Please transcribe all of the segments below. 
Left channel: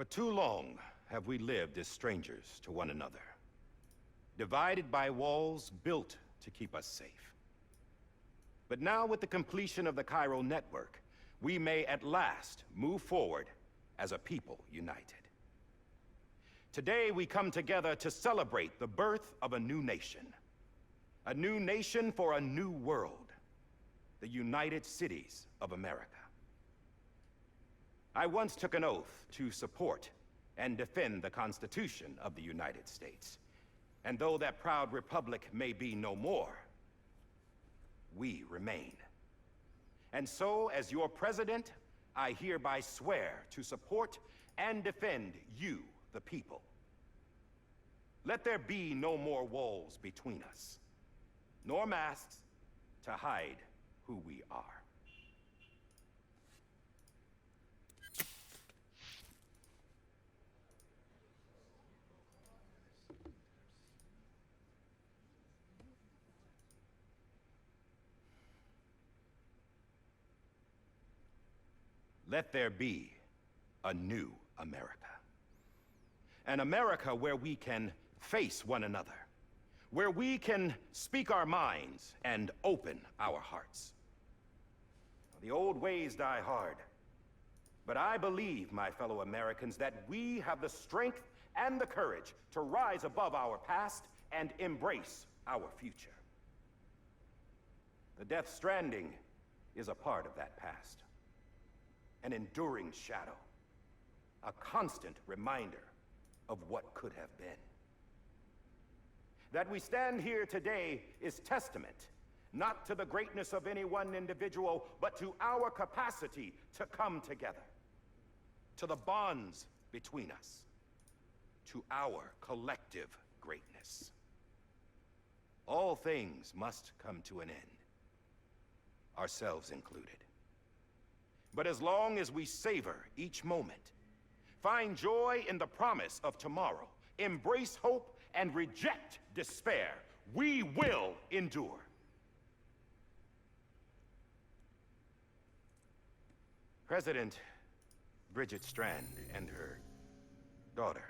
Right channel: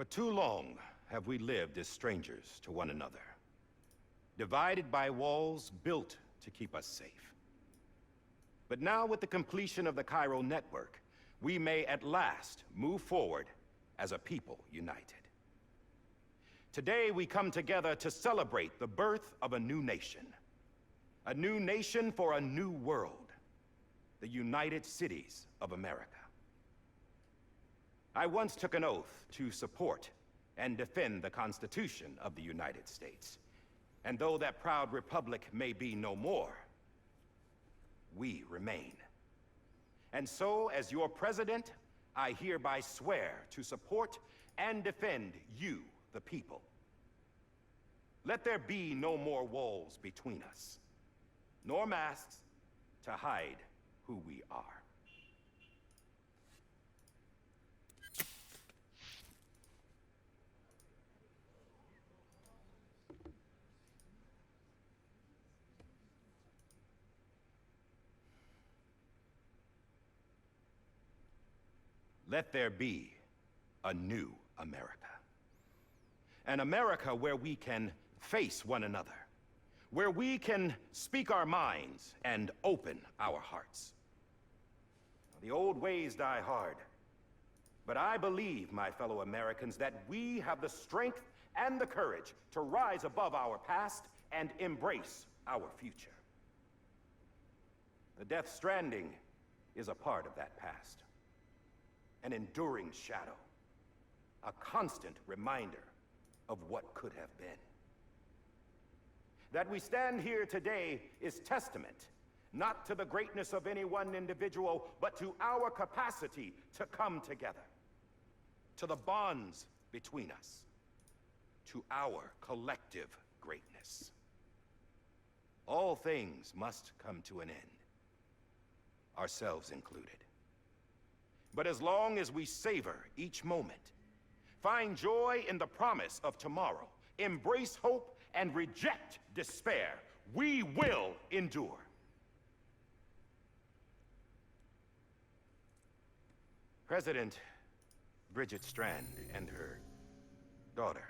For too long have we lived as strangers to one another, divided by walls built to keep us safe. But now, with the completion of the Cairo network, we may at last move forward as a people united. Today, we come together to celebrate the birth of a new nation. A new nation for a new world. The United Cities of America. I once took an oath to support and defend the Constitution of the United States. And though that proud republic may be no more, we remain. And so, as your president, I hereby swear to support and defend you, the people. Let there be no more walls between us, nor masks to hide who we are. Let there be a new America. An America where we can face one another, where we can speak our minds and open our hearts. The old ways die hard, but I believe, my fellow Americans, that we have the strength and the courage to rise above our past and embrace our future. The Death Stranding is a part of that past. An enduring shadow, a constant reminder of what could have been. That we stand here today is testament, not to the greatness of any one individual, but to our capacity to come together, to the bonds between us, to our collective greatness. All things must come to an end, ourselves included. But as long as we savor each moment, find joy in the promise of tomorrow, embrace hope, and reject despair, we will endure. President Bridget Strand and her daughter,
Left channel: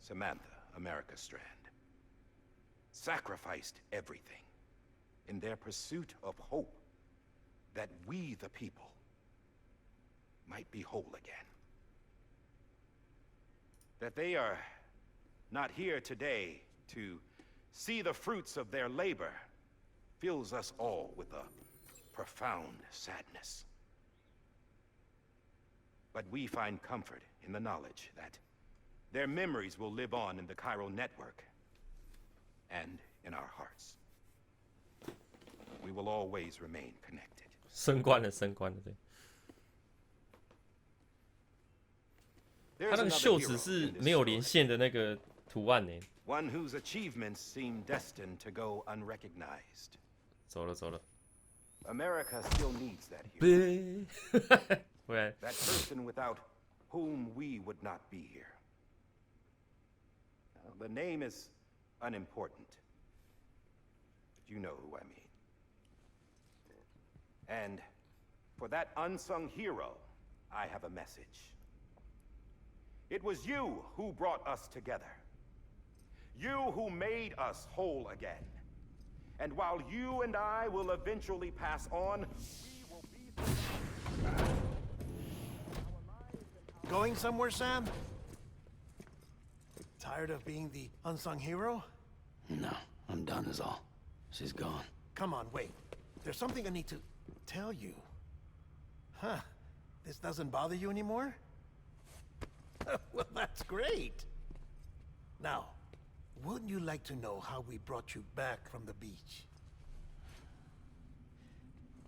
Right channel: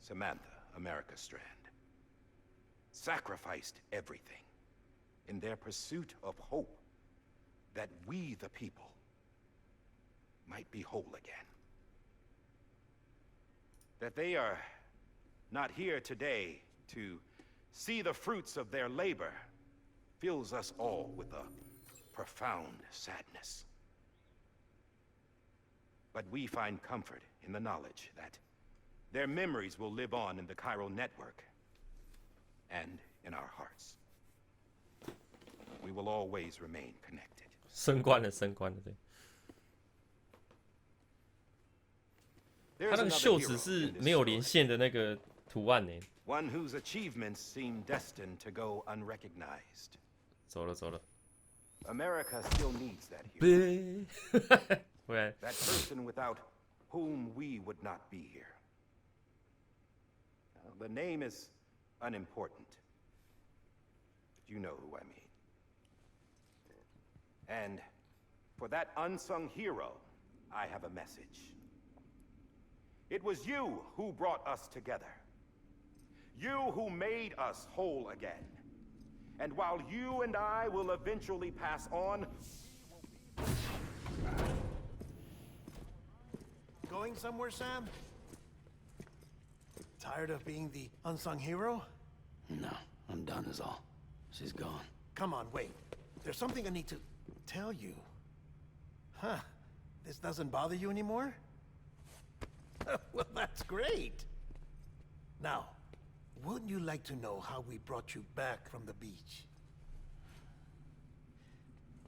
Samantha America Strand, sacrificed everything in their pursuit of hope that we, the people, might be whole again. That they are not here today to see the fruits of their labor fills us all with a profound sadness. But we find comfort in the knowledge that their memories will live on in the Cairo network and in our hearts. We will always remain connected. 升官了，对。他那个袖子是没有连线的那个图案呢。One whose achievements seem destined to go unrecognized. 走了。America still needs that hero. That person without whom we would not be here. The name is unimportant, but you know who I mean. And for that unsung hero, I have a message. It was you who brought us together. You who made us whole again. And while you and I will eventually pass on, we will be... Going somewhere, Sam? Tired of being the unsung hero? No, I'm done is all. She's gone. Come on, wait. There's something I need to tell you. Huh. This doesn't bother you anymore? Well, that's great. Now, wouldn't you like to know how we brought you back from the beach?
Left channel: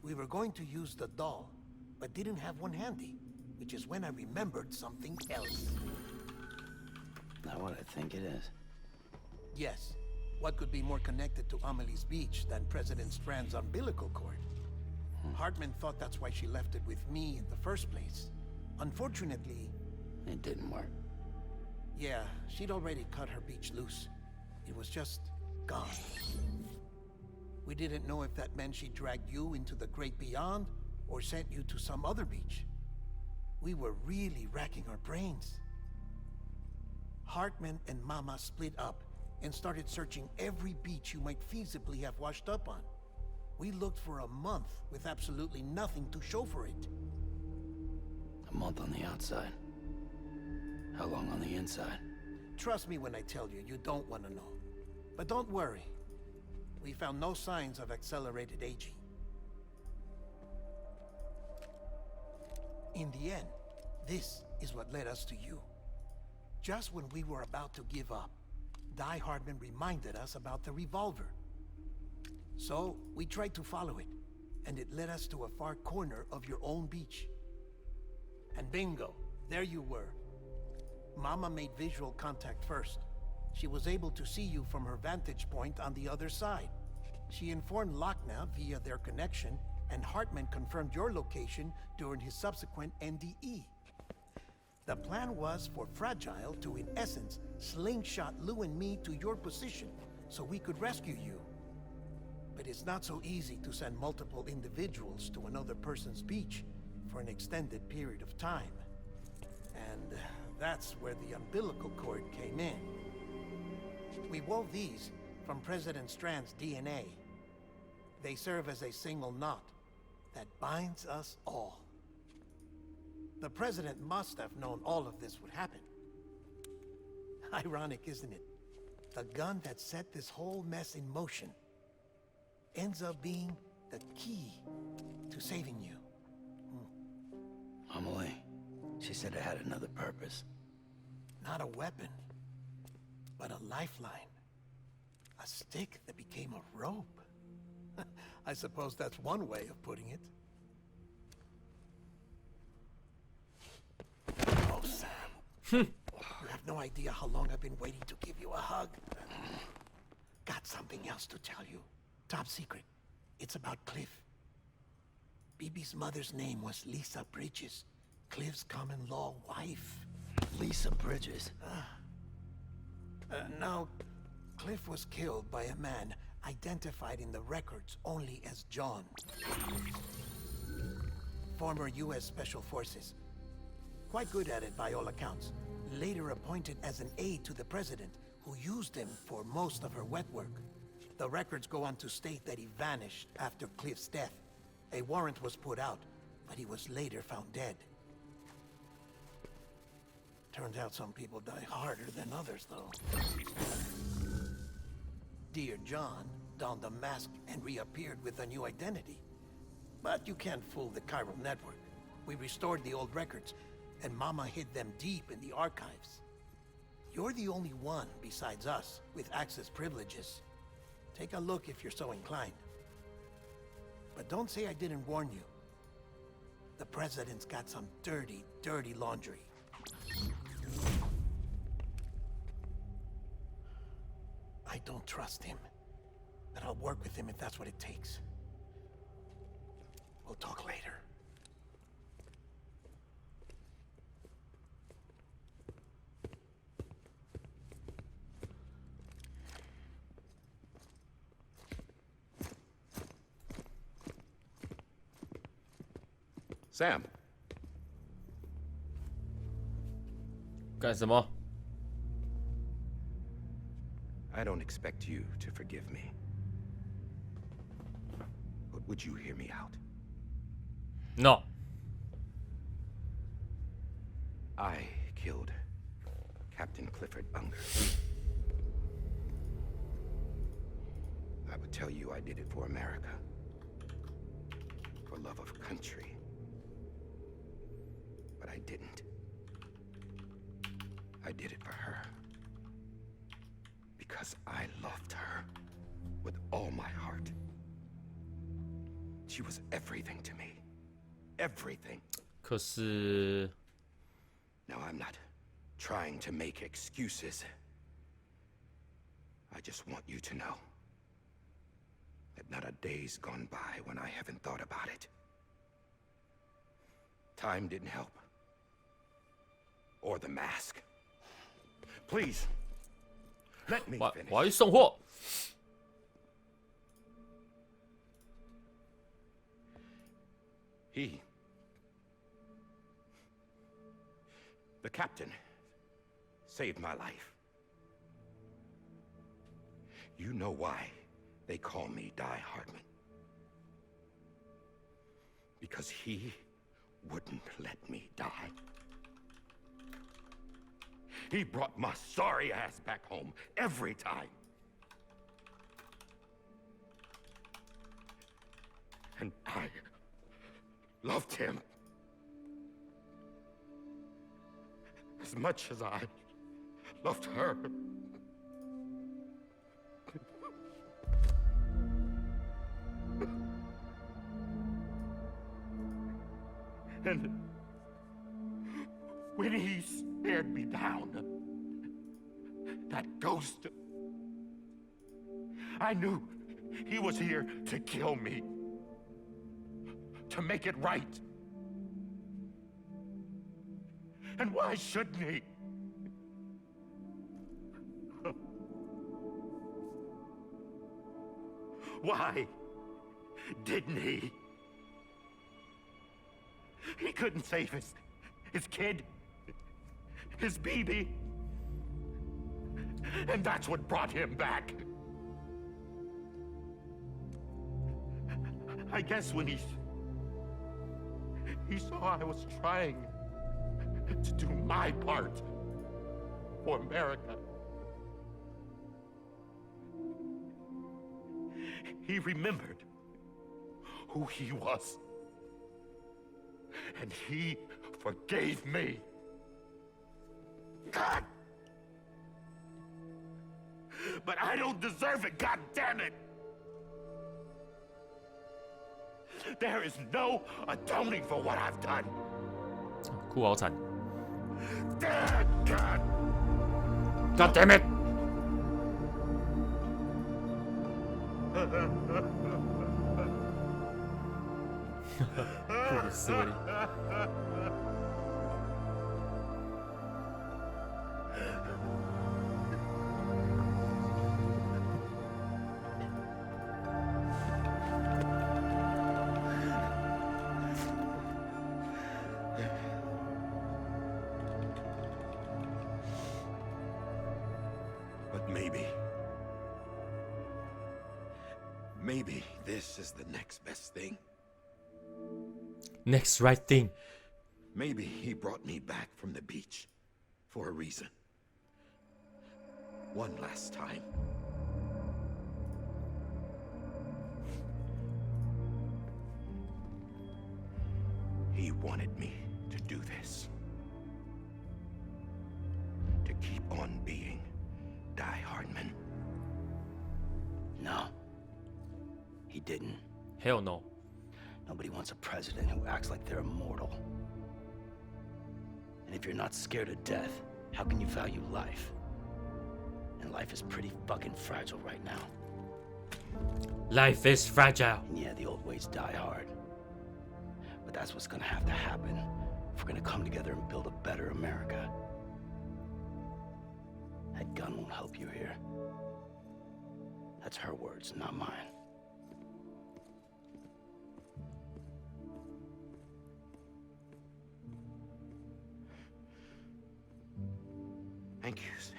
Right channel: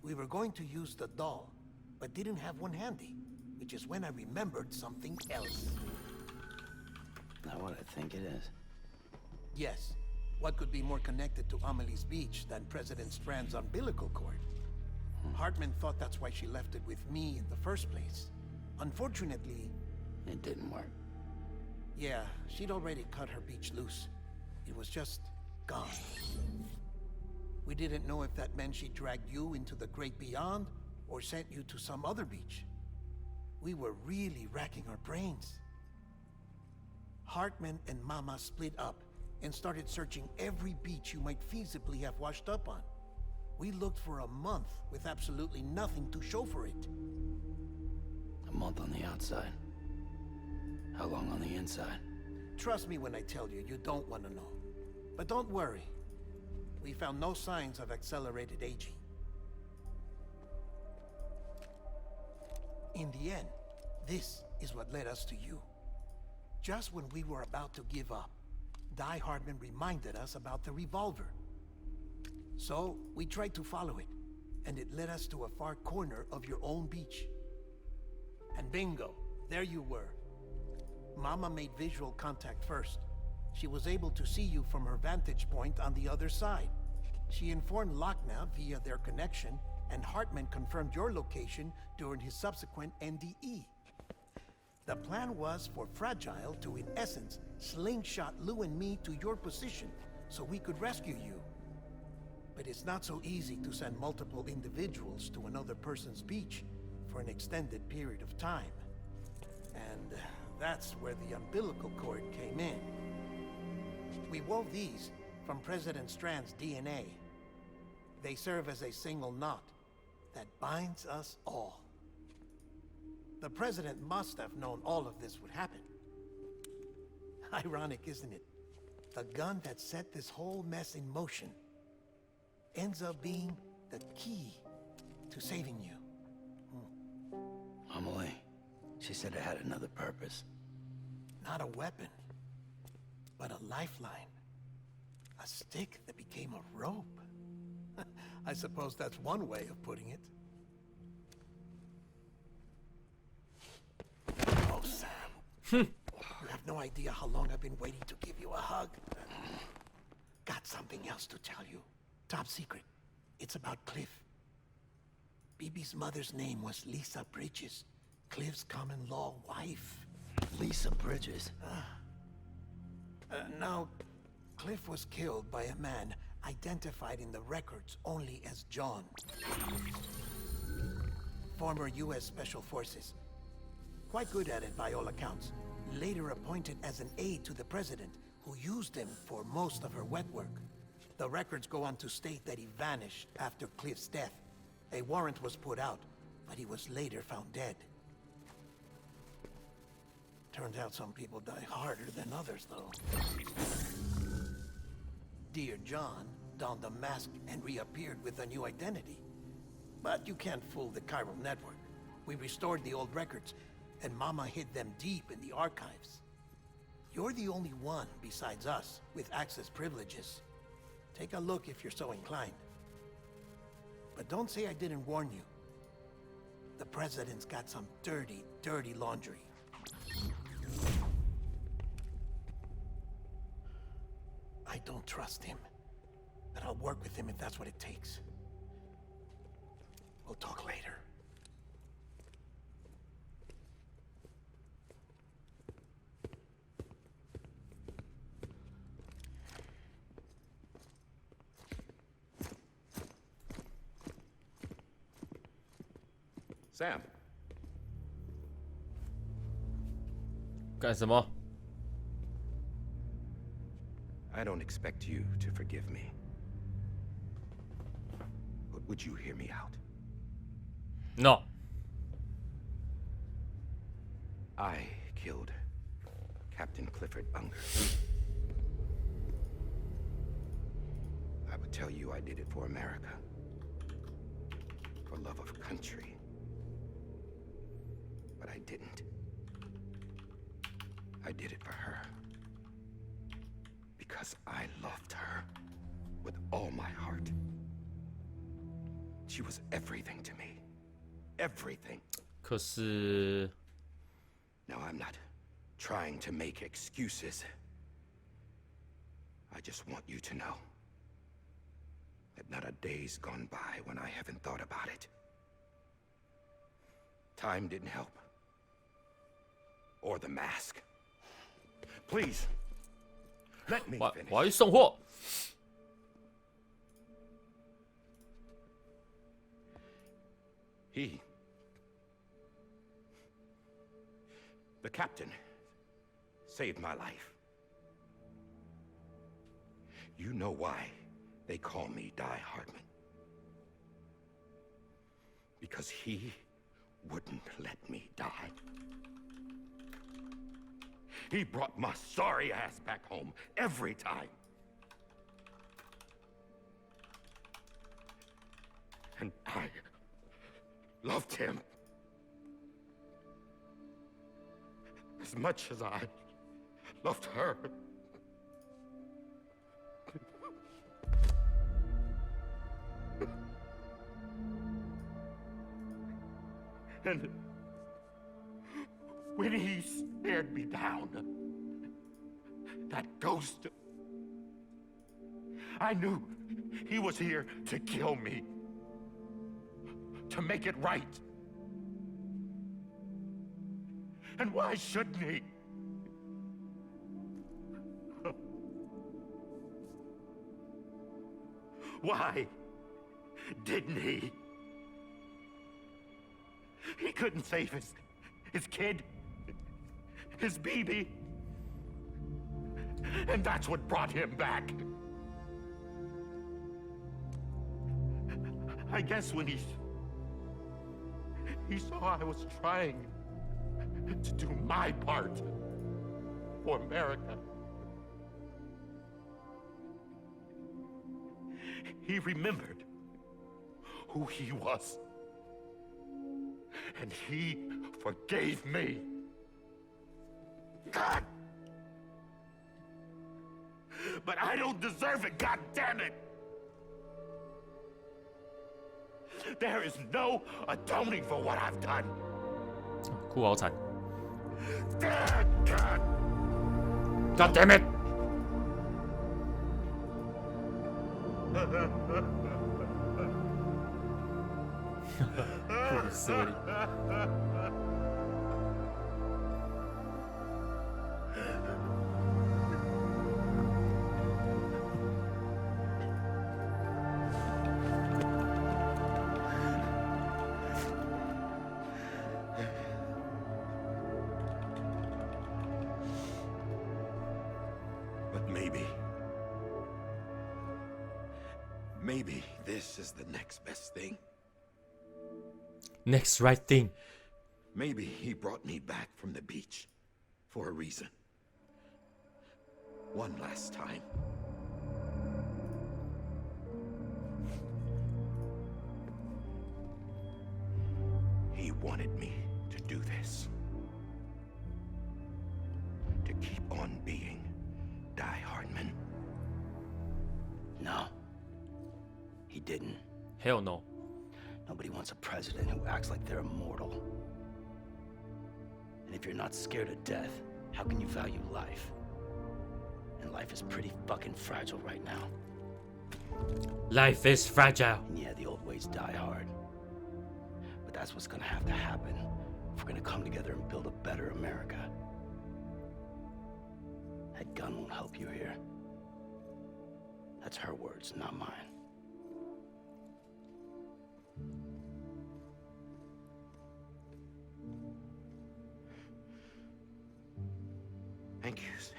We were going to use the doll, but didn't have one handy, which is when I remembered something else. Not what I think it is. Yes. What could be more connected to Amelie's beach than President Strand's umbilical cord? Hartman thought that's why she left it with me in the first place. Unfortunately... It didn't work. Yeah, she'd already cut her beach loose. It was just gone. We didn't know if that meant she dragged you into the great beyond, or sent you to some other beach. We were really racking our brains. Hartman and Mama split up and started searching every beach you might feasibly have washed up on. We looked for a month with absolutely nothing to show for it. A month on the outside. How long on the inside? Trust me when I tell you, you don't want to know. But don't worry. We found no signs of accelerated aging. In the end, this is what led us to you. Just when we were about to give up, Die Hardman reminded us about the revolver. So, we tried to follow it, and it led us to a far corner of your own beach. And bingo, there you were. Mama made visual contact first. She was able to see you from her vantage point on the other side. She informed Lochner via their connection, and Hartman confirmed your location during his subsequent NDE. The plan was for Fragile to, in essence, slingshot Lou and me to your position so we could rescue you. But it's not so easy to send multiple individuals to another person's beach for an extended period of time. And that's where the umbilical cord came in. We wove these from President Strand's DNA. They serve as a single knot that binds us all. The President must have known all of this would happen. Ironic, isn't it? The gun that set this whole mess in motion ends up being the key to saving you. Amelie, she said it had another purpose. Not a weapon, but a lifeline. A stick that became a rope. I suppose that's one way of putting it. Oh, Sam. You have no idea how long I've been waiting to give you a hug. Got something else to tell you. Top secret. It's about Cliff. BB's mother's name was Lisa Bridges, Cliff's common-law wife. Lisa Bridges? Now, Cliff was killed by a man identified in the records only as John. Former U.S. Special Forces. Quite good at it by all accounts. Later appointed as an aide to the president, who used him for most of her wet work. The records go on to state that he vanished after Cliff's death. A warrant was put out, but he was later found dead. Turns out some people die harder than others, though. Dear John donned a mask and reappeared with a new identity. But you can't fool the chiral network. We restored the old records, and Mama hid them deep in the archives. You're the only one, besides us, with access privileges. Take a look if you're so inclined. But don't say I didn't warn you. The president's got some dirty, dirty laundry. I don't trust him, but I'll work with him if that's what it takes. We'll talk later. Sam. 干什么？ I don't expect you to forgive me. But would you hear me out? No. I killed Captain Clifford Unger. I would tell you I did it for America. For love of country. But I didn't. I did it for her. Because I loved her with all my heart. She was everything to me. Everything. 可是 Now, I'm not trying to make excuses. I just want you to know that not a day's gone by when I haven't thought about it. Time didn't help. Or the mask. Please, let me 我 finish. 我要去送货。 The captain saved my life. You know why they call me Die Hardman? Because he wouldn't let me die. He brought my sorry ass back home every time. And I loved him as much as I loved her. And when he stared me down, that ghost, I knew he was here to kill me, to make it right. And why shouldn't he? Why didn't he? He couldn't save his kid, his baby. And that's what brought him back. I guess when he saw I was trying to do my part for America, he remembered who he was. And he forgave me. God! But I don't deserve it, god damn it! There is no atoning for what I've done. 哭好惨 God! God damn it 哭死我了 But maybe this is the next best thing. Next right thing Maybe he brought me back from the beach for a reason. One last time. He wanted me to do this. To keep on being Die Hardman. No. He didn't. Hell no Nobody wants a president who acts like they're immortal. And if you're not scared of death, how can you value life? And life is pretty fucking fragile right now. Life is fragile And yeah, the old ways die hard. But that's what's gonna have to happen if we're gonna come together and build a better America. That gun won't help you here. That's her words, not mine. Thank you, Sam.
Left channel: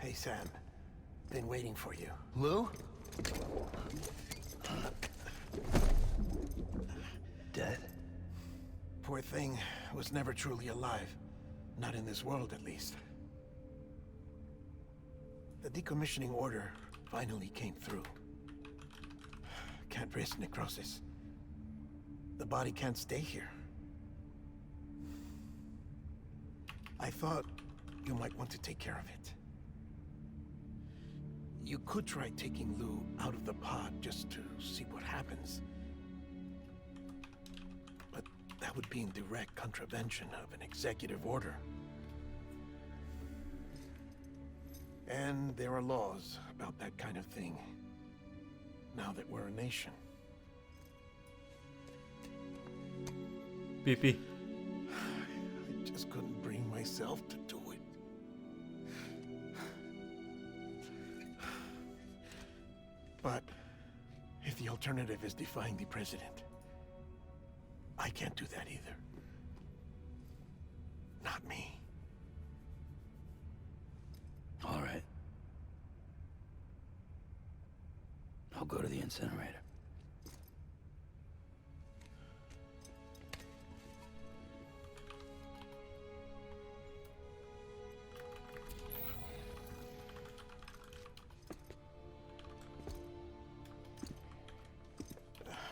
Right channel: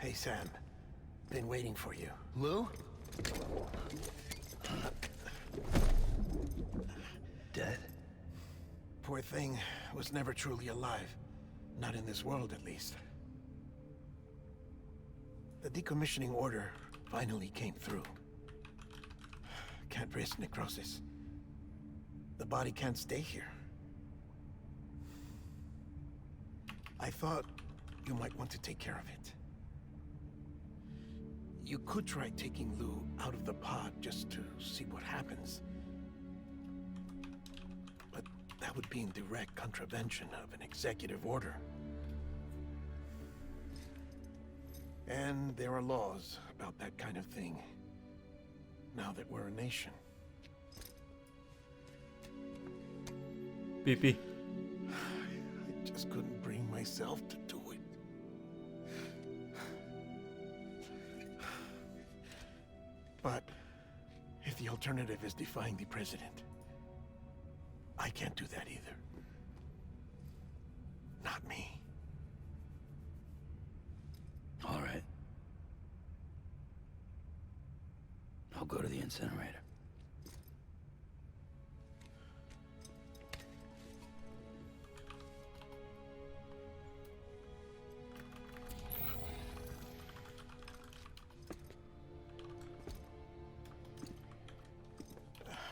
Hey, Sam. Been waiting for you. Lou? Dead? Poor thing was never truly alive. Not in this world, at least. The decommissioning order finally came through. Can't risk necrosis. The body can't stay here. I thought you might want to take care of it. You could try taking Lou out of the pod just to see what happens. But that would be in direct contravention of an executive order. And there are laws about that kind of thing, now that we're a nation. BB. I just couldn't bring myself to do it. But if the alternative is defying the president, I can't do that either. Not me. All right. I'll go to the incinerator.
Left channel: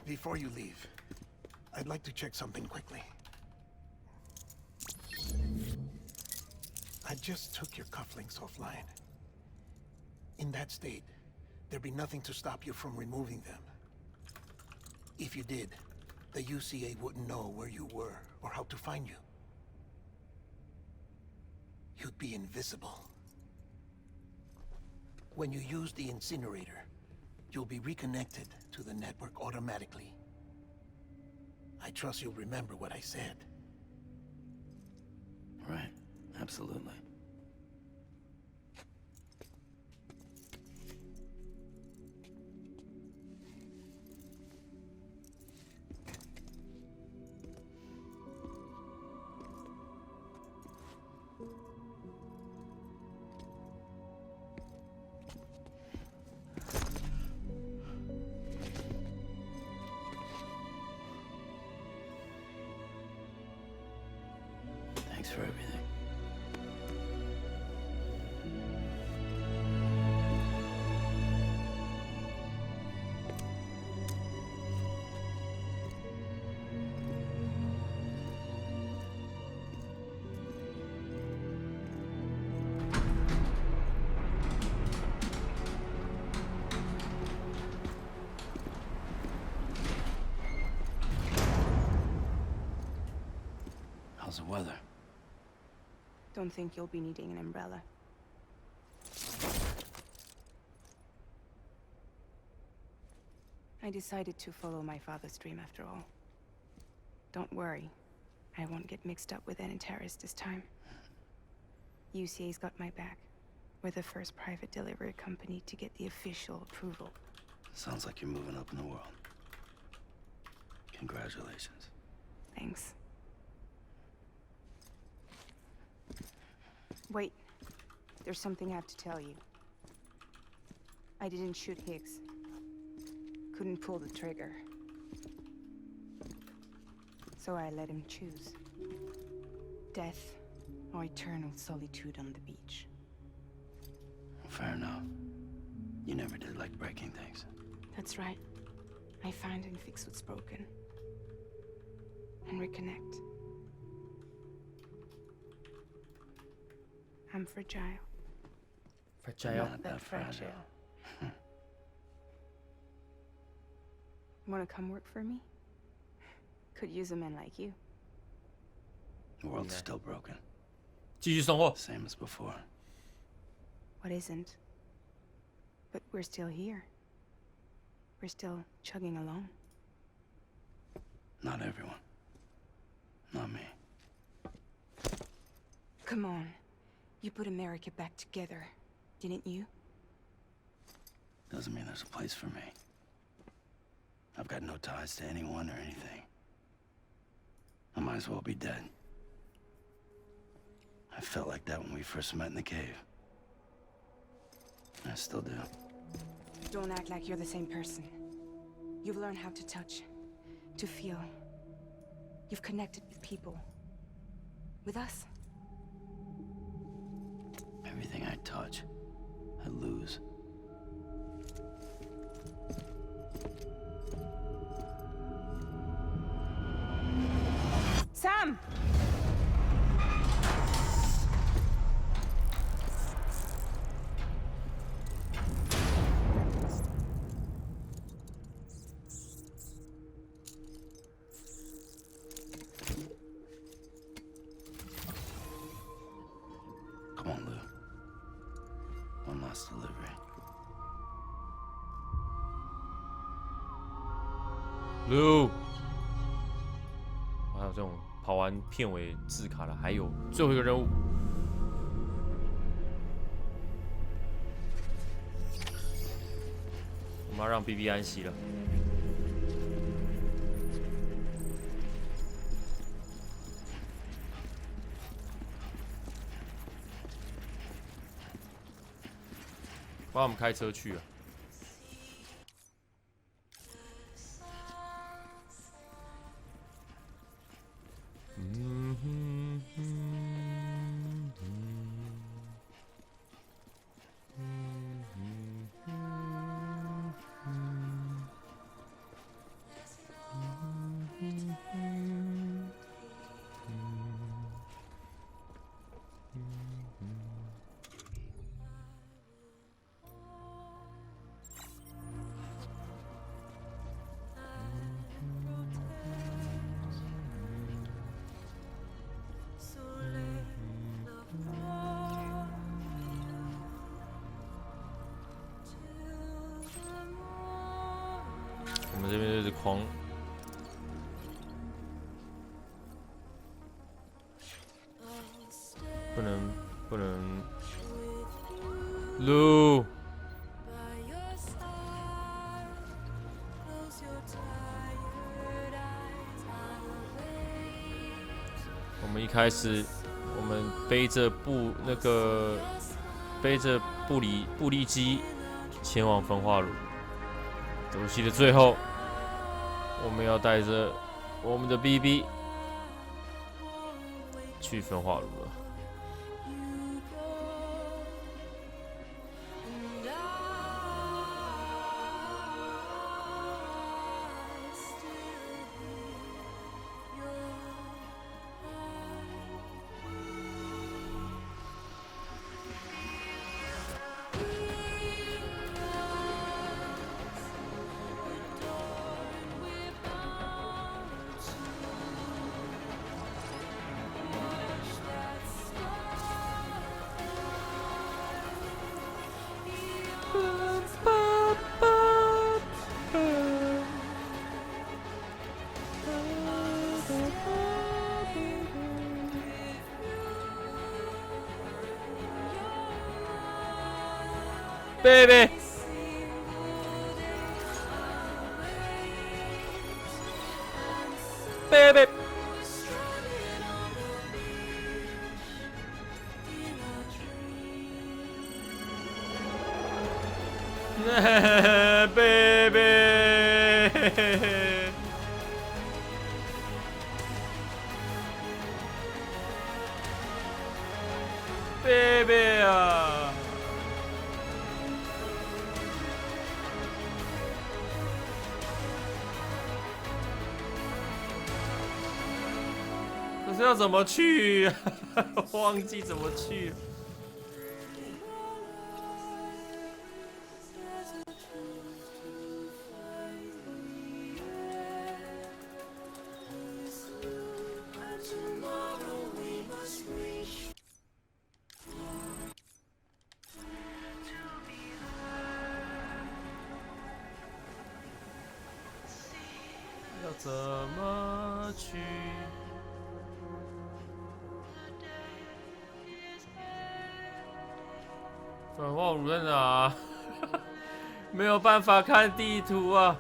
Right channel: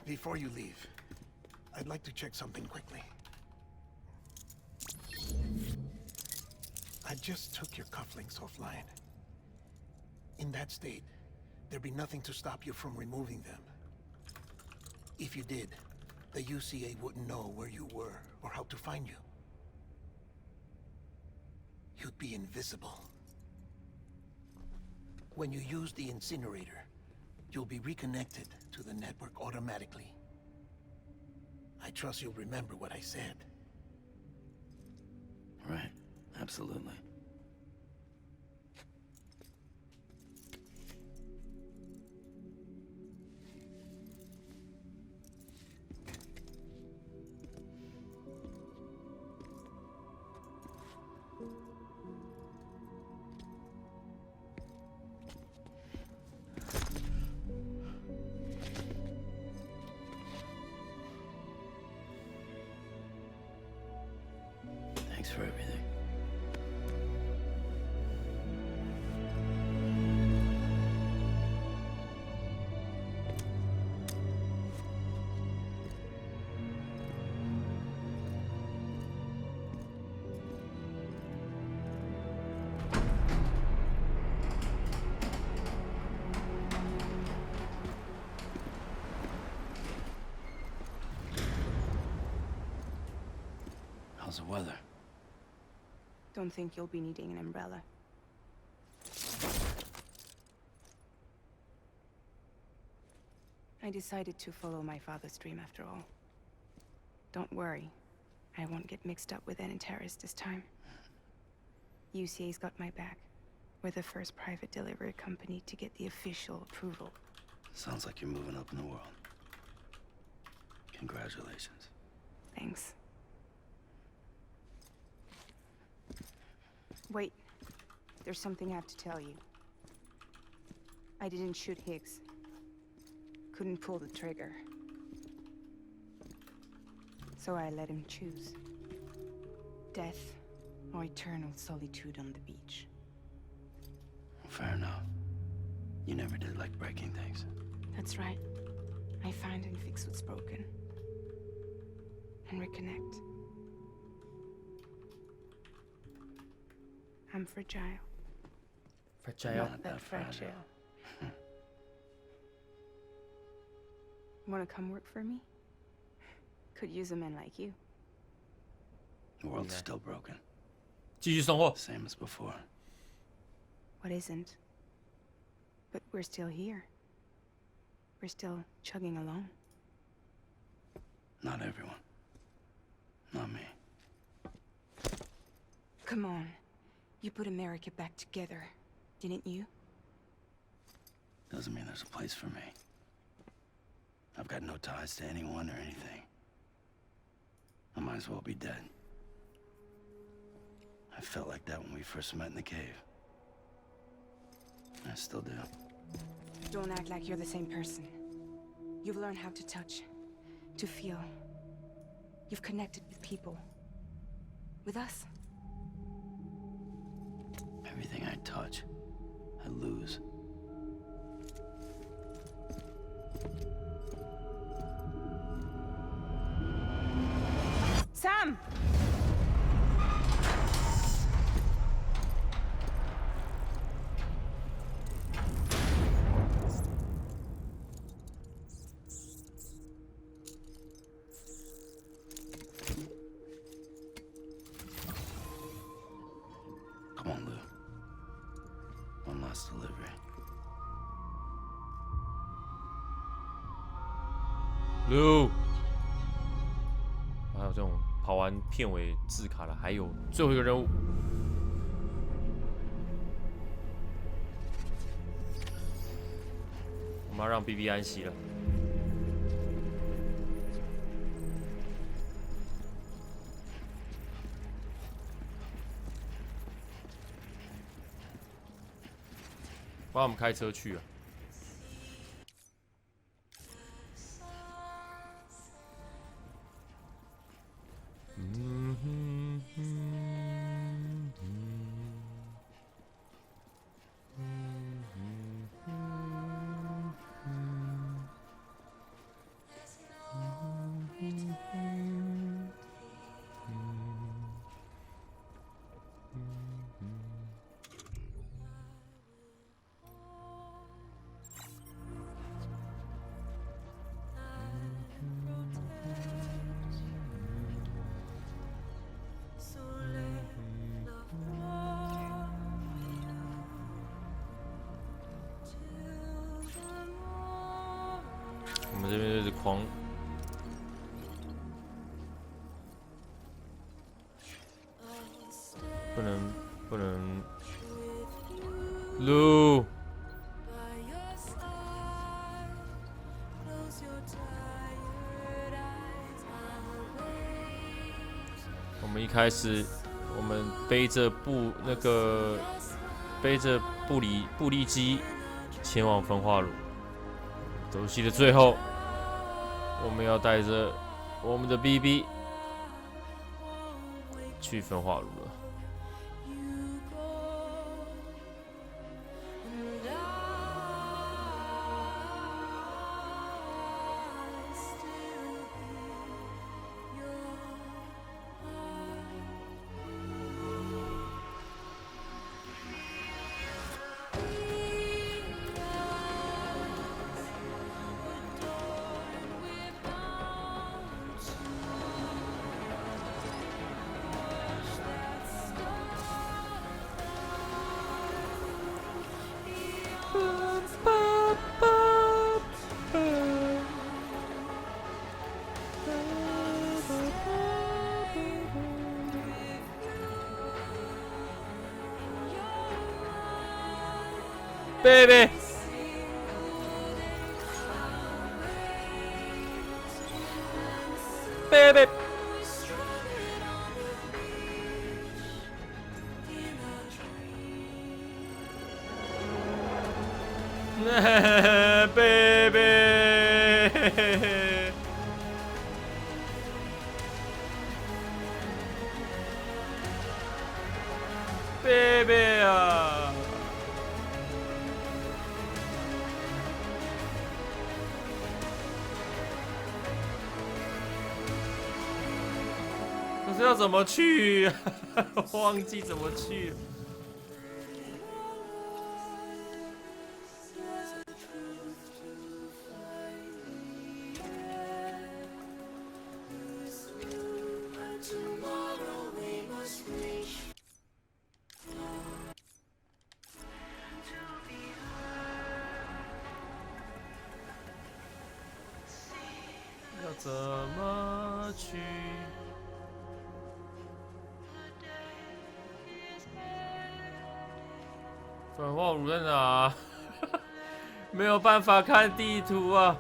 Before you leave, I'd like to check something quickly. I just took your cufflinks offline. In that state, there'd be nothing to stop you from removing them. If you did, the UCA wouldn't know where you were or how to find you. You'd be invisible. When you use the incinerator, you'll be reconnected to the network automatically. I trust you'll remember what I said. Right. Absolutely. Thanks for everything. How's the weather? Don't think you'll be needing an umbrella. I decided to follow my father's dream after all. Don't worry, I won't get mixed up with any terrorists this time. UCA's got my back. We're the first private delivery company to get the official approval. Sounds like you're moving up in the world. Congratulations. Thanks. Wait, there's something I have to tell you. I didn't shoot Higgs. Couldn't pull the trigger. So I let him choose. Death or eternal solitude on the beach. Fair enough. You never did like breaking things. That's right. I find and fix what's broken. And reconnect. I'm fragile. Fragile. Not that fragile. Wanna come work for me? Could use a man like you. The world's Yeah. still broken. 继续生活。 Same as before. What isn't? But we're still here. We're still chugging along. Not everyone. Not me. Come on. You put America back together, didn't you? Doesn't mean there's a place for me. I've got no ties to anyone or anything. I might as well be dead. I felt like that when we first met in the cave. I still do. Don't act like you're the same person. You've learned how to touch, to feel. You've connected with people. With us. Everything I touch, I lose. Sam! Come on, Lou. One last delivery. Lou，还有这种跑完片尾字卡了，还有最后一个任务。我们要让 BB 安息了。帮我们开车去啊！我们这边就是狂，不能撸。我们一开始，我们背着布利机前往焚化炉。游戏的最后，我们要带着我们的 BB 去焚化炉了。Baby， baby， baby， baby 啊！可是要怎么去啊？忘记怎么去了。要怎么去？焚化炉在哪？没有办法看地图啊！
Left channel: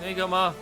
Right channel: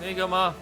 那个吗？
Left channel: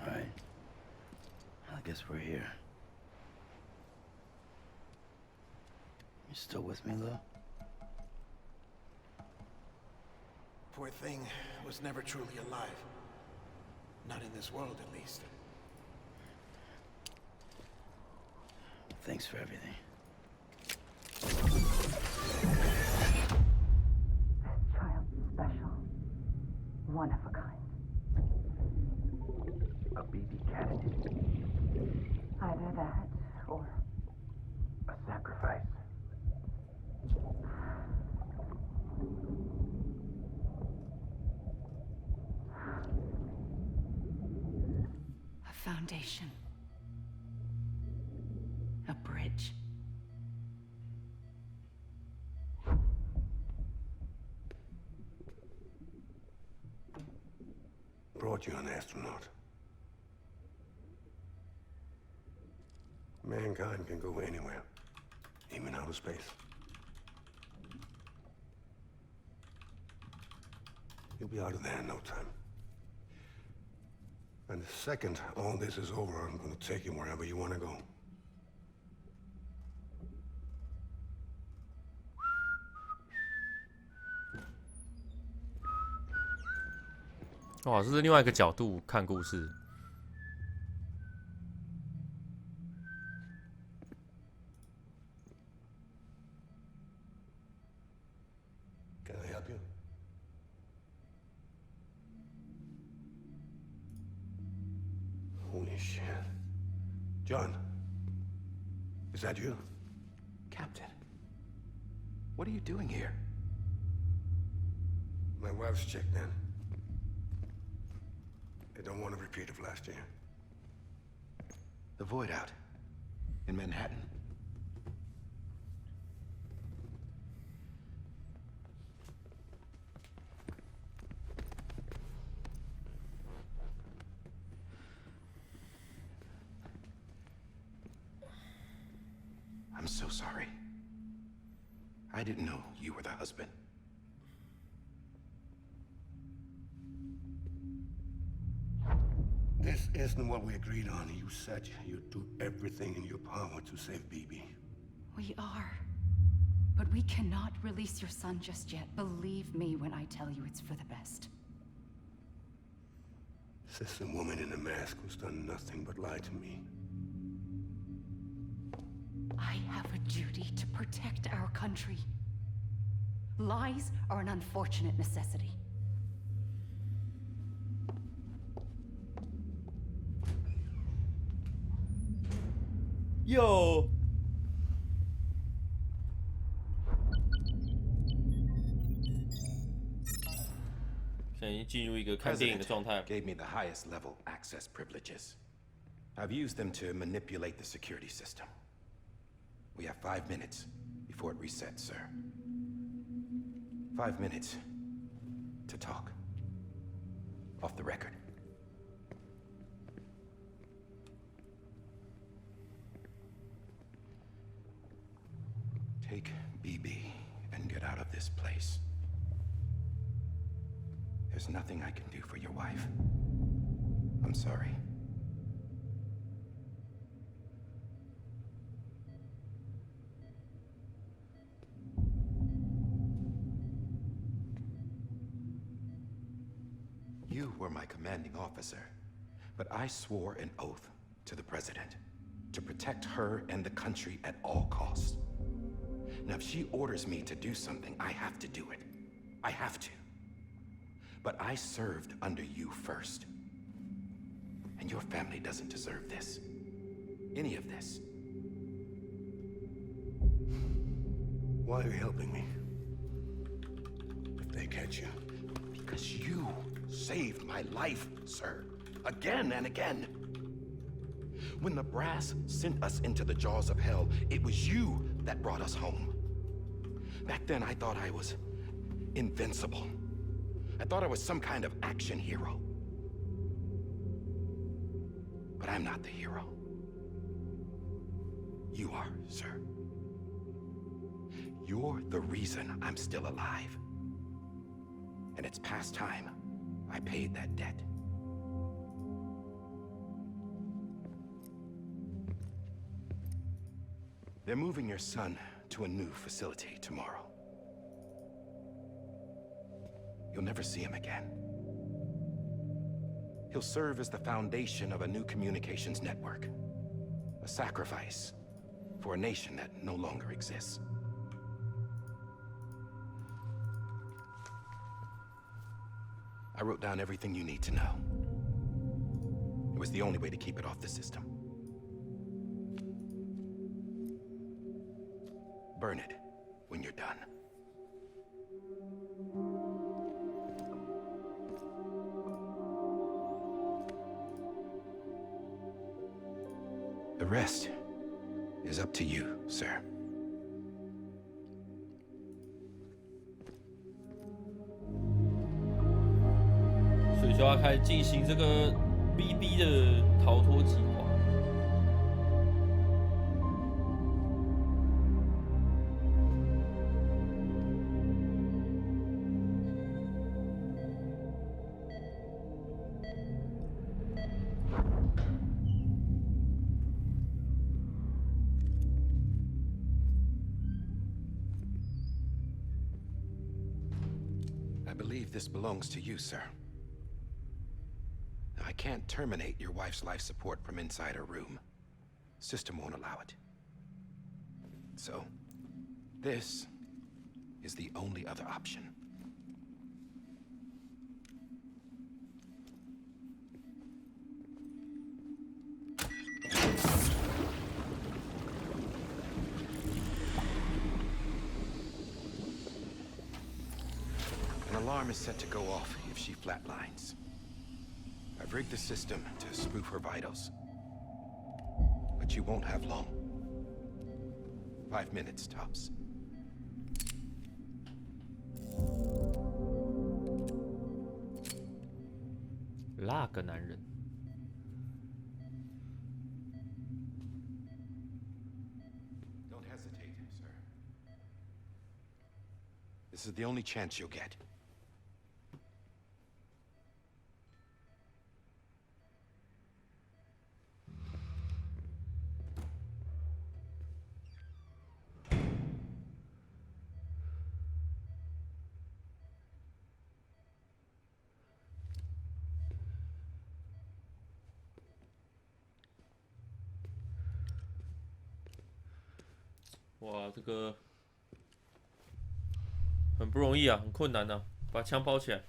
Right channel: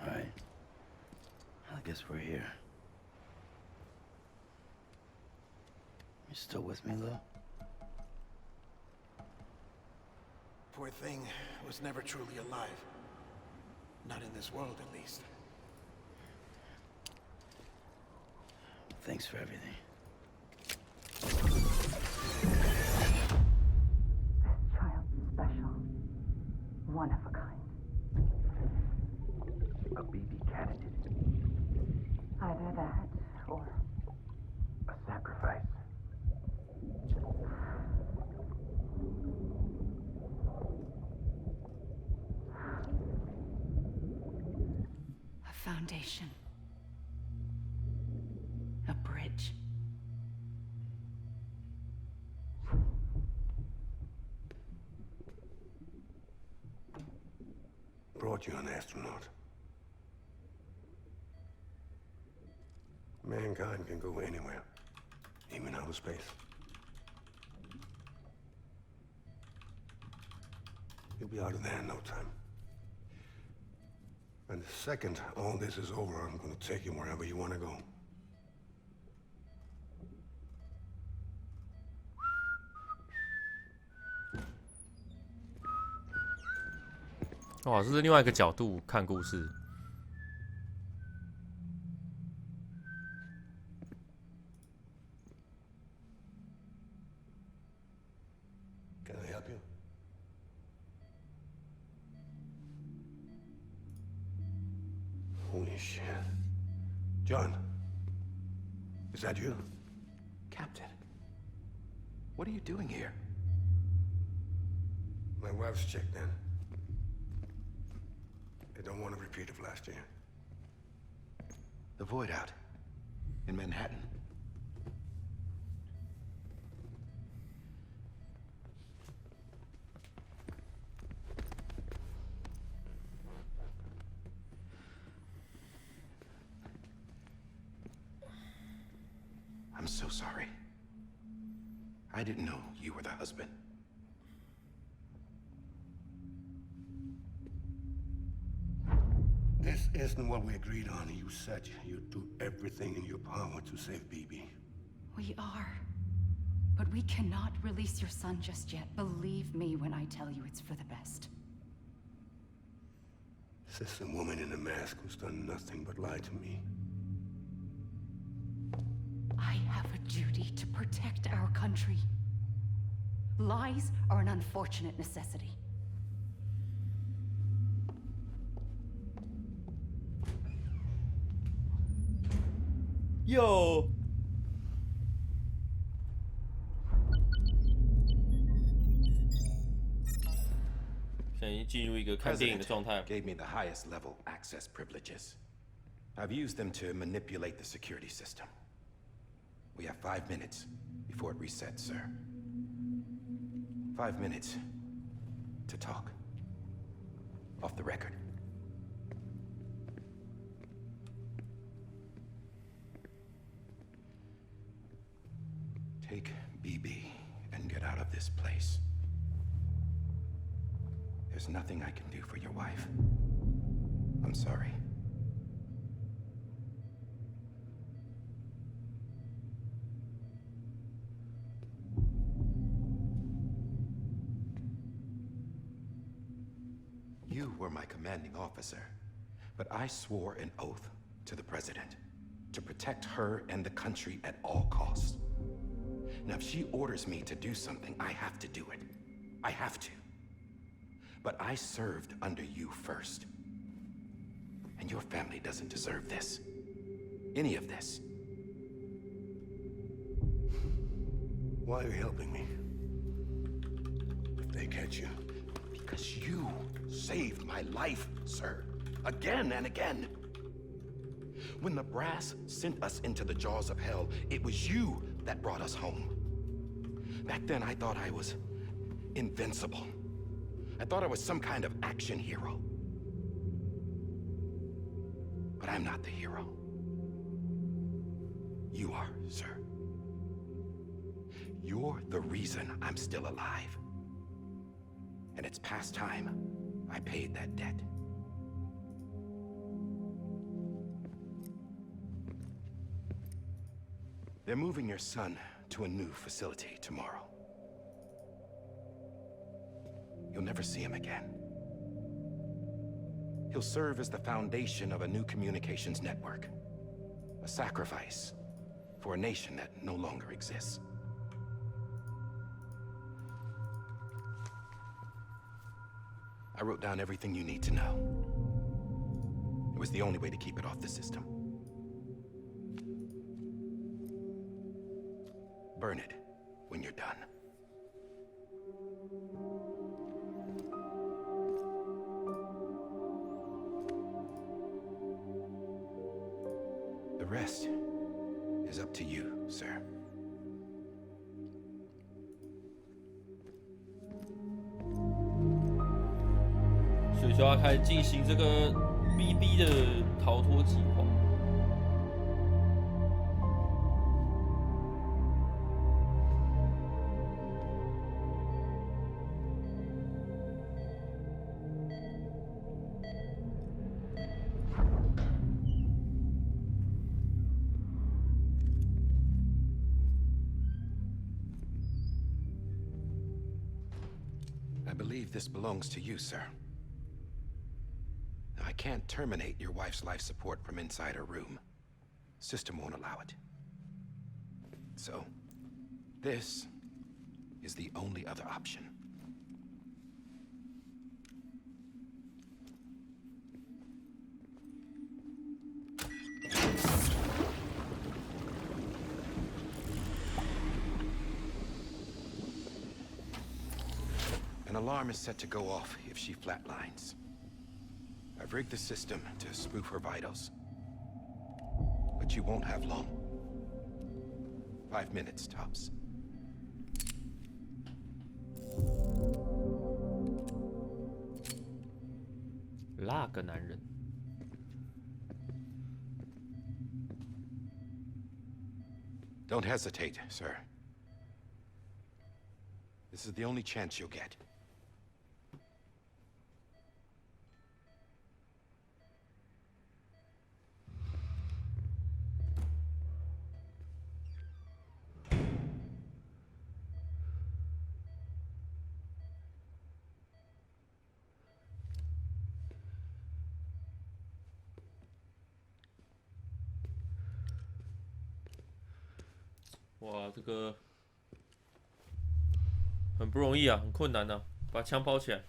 All right. I guess we're here. You still with me, Lou? Poor thing was never truly alive. Not in this world, at least. Thanks for everything. Child's special. One of a kind. A BB candidate. Either that, or A sacrifice. a foundation. A bridge. Brought you an astronaut. Mankind can go anywhere, even outer space. You'll be out of there in no time. And the second all this is over, I'm gonna take you wherever you want to go. "哇，这是另外一个角度看故事。Can I help you? Holy shit. John, is that you? Captain, what are you doing here? My wife's checked in. They don't want a repeat of last year. The Void Out. In Manhattan. I'm so sorry. I didn't know you were the husband. This isn't what we agreed on. You said you'd do everything in your power to save BB. We are. But we cannot release your son just yet. Believe me when I tell you it's for the best. This is a woman in a mask who's done nothing but lie to me. I have a duty to protect our country. Lies are an unfortunate necessity.哟，现在已经进入一个看电影的状态。 gave me the highest level access privileges. I've used them to manipulate the security system. We have 5 minutes before it resets, sir. 5 minutes to talk. Off the record. Take BB and get out of this place. There's nothing I can do for your wife. I'm sorry. You were my commanding officer, but I swore an oath to the president to protect her and the country at all costs. Now, if she orders me to do something, I have to do it. I have to. But I served under you first. And your family doesn't deserve this. Any of this. Why are you helping me? If they catch you. Because you saved my life, sir. Again and again. When the brass sent us into the jaws of hell, it was you that brought us home. Back then, I thought I was invincible. I thought I was some kind of action hero. But I'm not the hero. You are, sir. You're the reason I'm still alive. And it's past time I paid that debt. They're moving your son to a new facility tomorrow. You'll never see him again. He'll serve as the foundation of a new communications network. A sacrifice for a nation that no longer exists. I wrote down everything you need to know. It was the only way to keep it off the system. Burn it when you're done. The rest is up to you, sir. 所以就要开始进行这个 BB 的逃脱计划。I believe this belongs to you, sir. I can't terminate your wife's life support from inside her room. System won't allow it. So, this is the only other option. An alarm is set to go off if she flatlines. I've rigged the system to spoof her vitals. But you won't have long. 5 minutes, tops.那个男人。Don't hesitate, sir. This is the only chance you'll get.哇，这个很不容易啊，很困难啊，把枪包起来。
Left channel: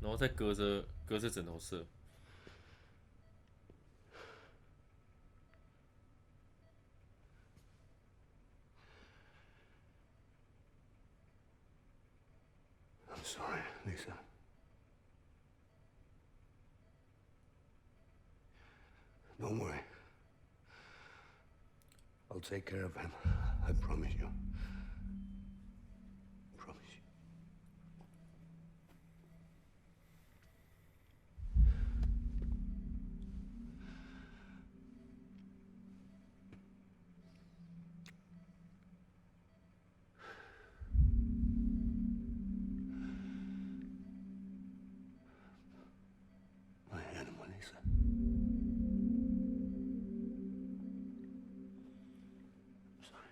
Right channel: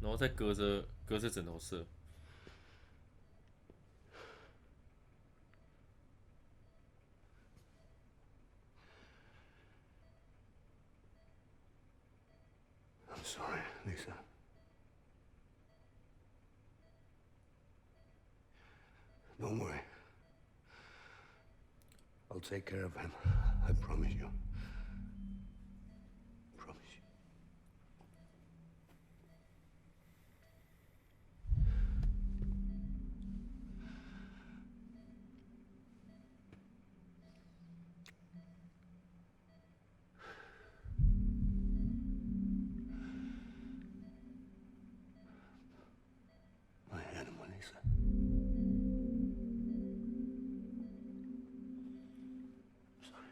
然后再隔着枕头射。I'm sorry, Lisa. Don't worry. I'll take care of him. I promise you. Promise you. My animal, Lisa. Sorry.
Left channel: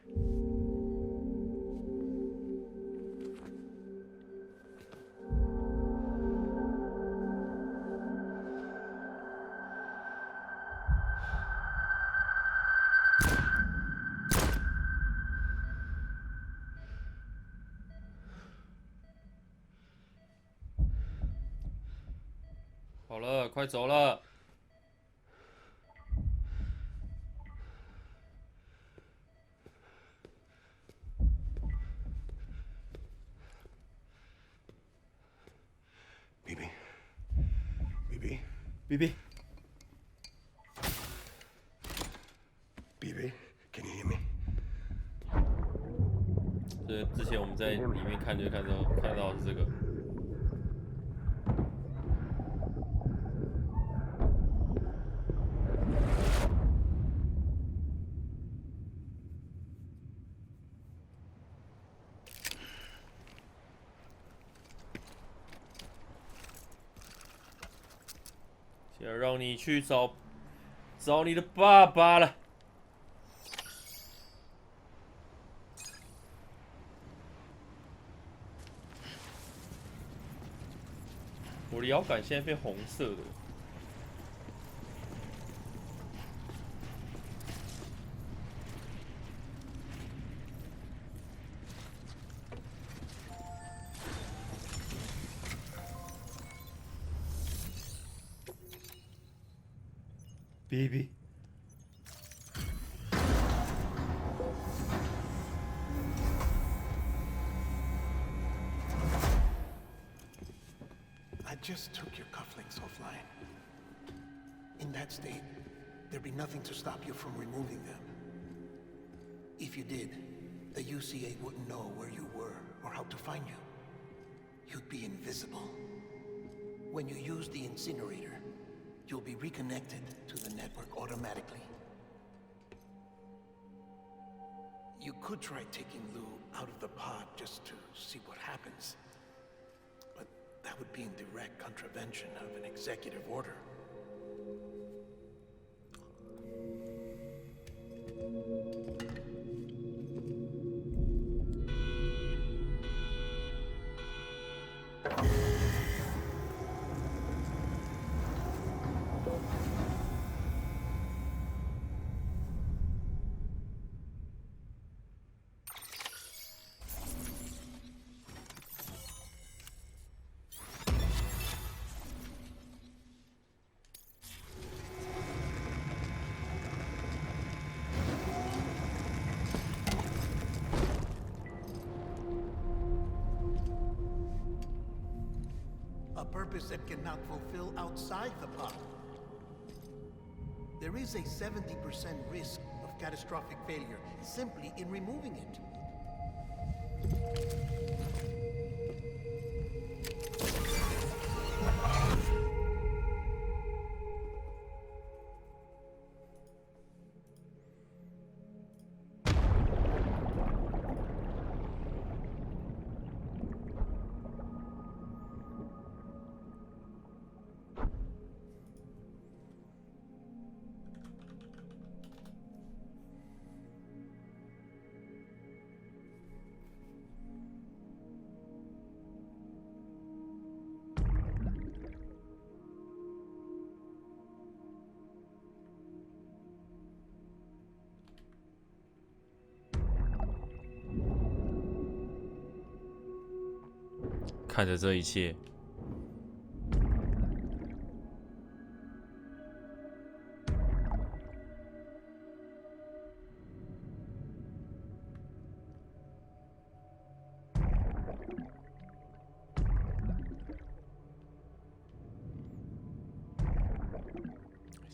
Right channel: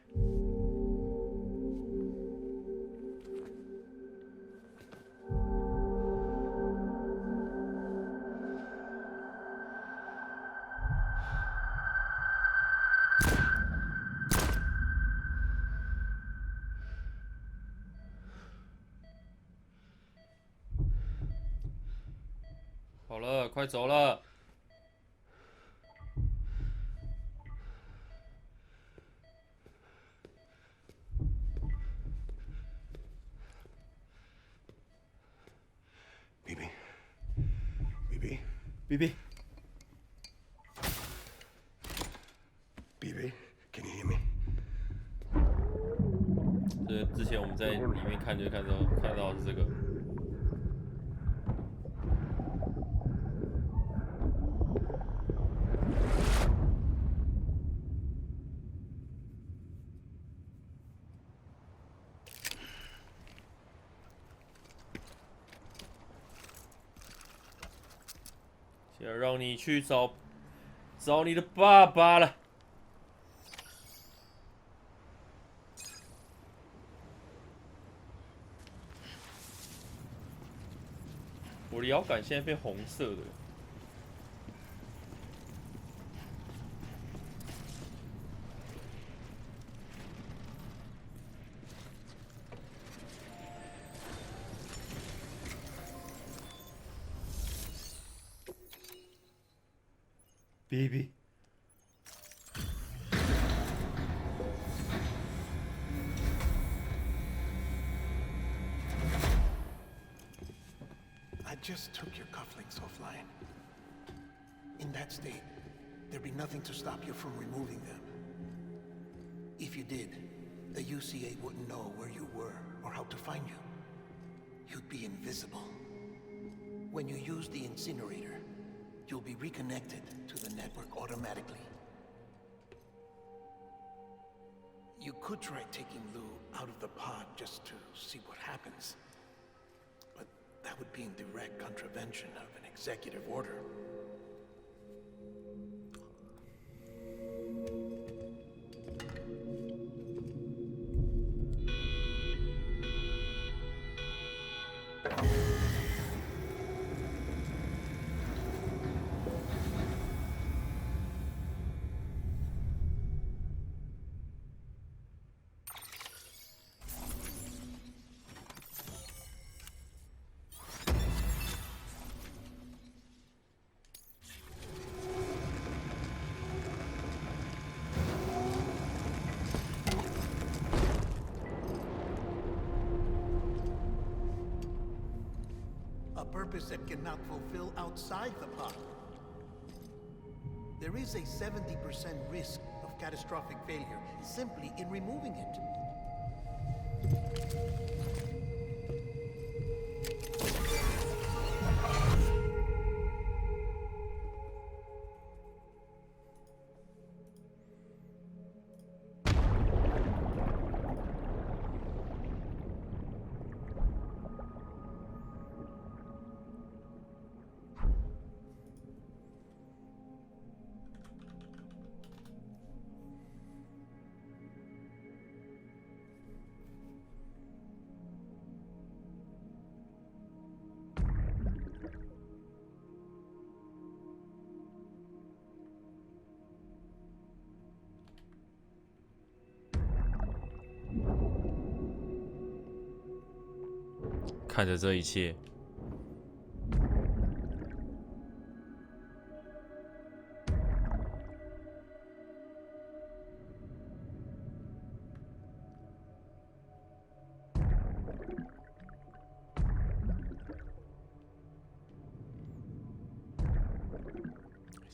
好了，快走了。BB. BB. BB. BB. Can you hear me? 这之前我们在里面看就看到是这个。现在让你去找你的爸爸了。我的摇杆现在变红色的。BB. I just took your cufflinks offline. In that state, there'd be nothing to stop you from removing them. If you did, the UCA wouldn't know where you were or how to find you. You'd be invisible. When you use the incinerator, you'll be reconnected to the network automatically. You could try taking Lou out of the pod just to see what happens. But that would be in direct contravention of an executive order. A purpose that cannot fulfill outside the pod. There is a 70% risk of catastrophic failure simply in removing it. “看着这一切，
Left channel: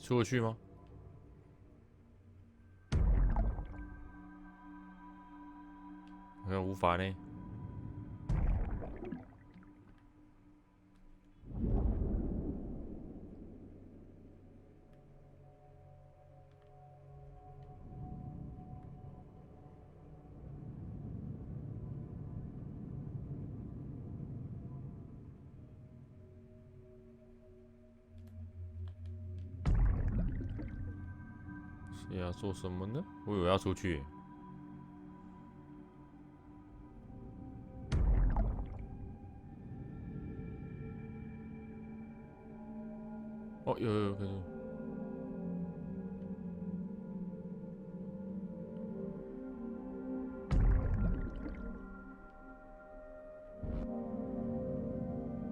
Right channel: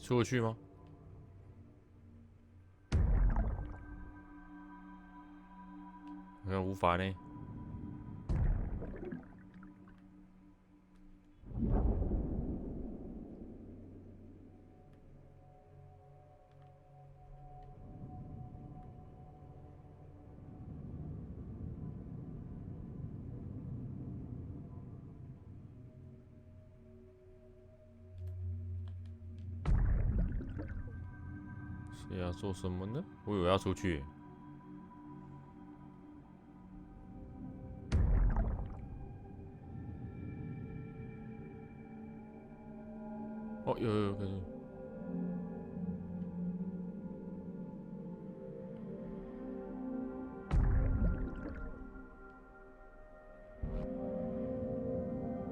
出得去吗？好像无法呢。”是要做什么呢？我以为要出去耶。哦，有，可是。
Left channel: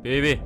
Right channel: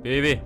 别！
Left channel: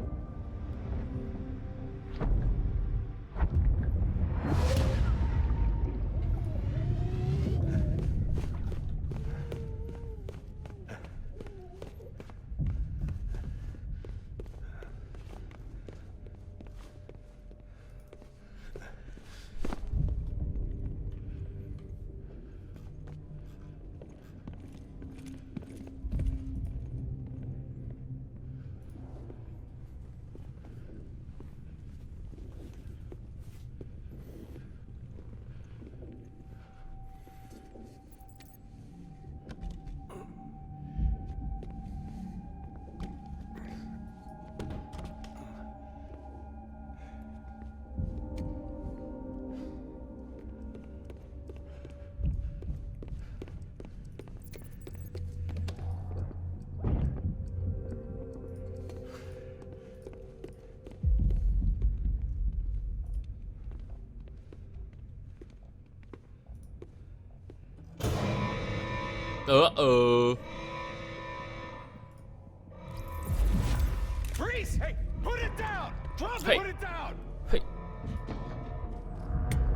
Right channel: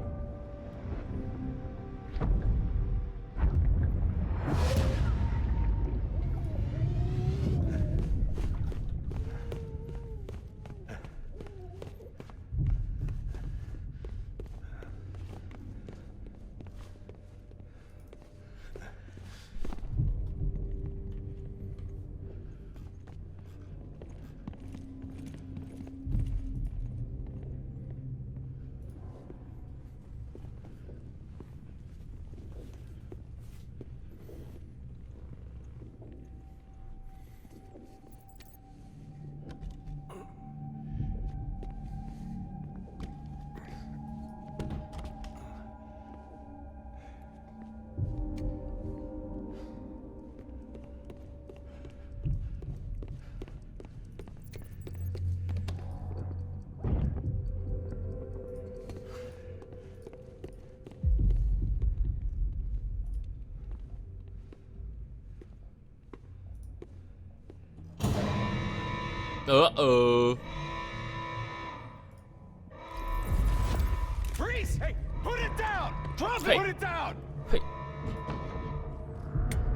Freeze! Hey, put it down! Drop it! Hey. Put it down! 嘿，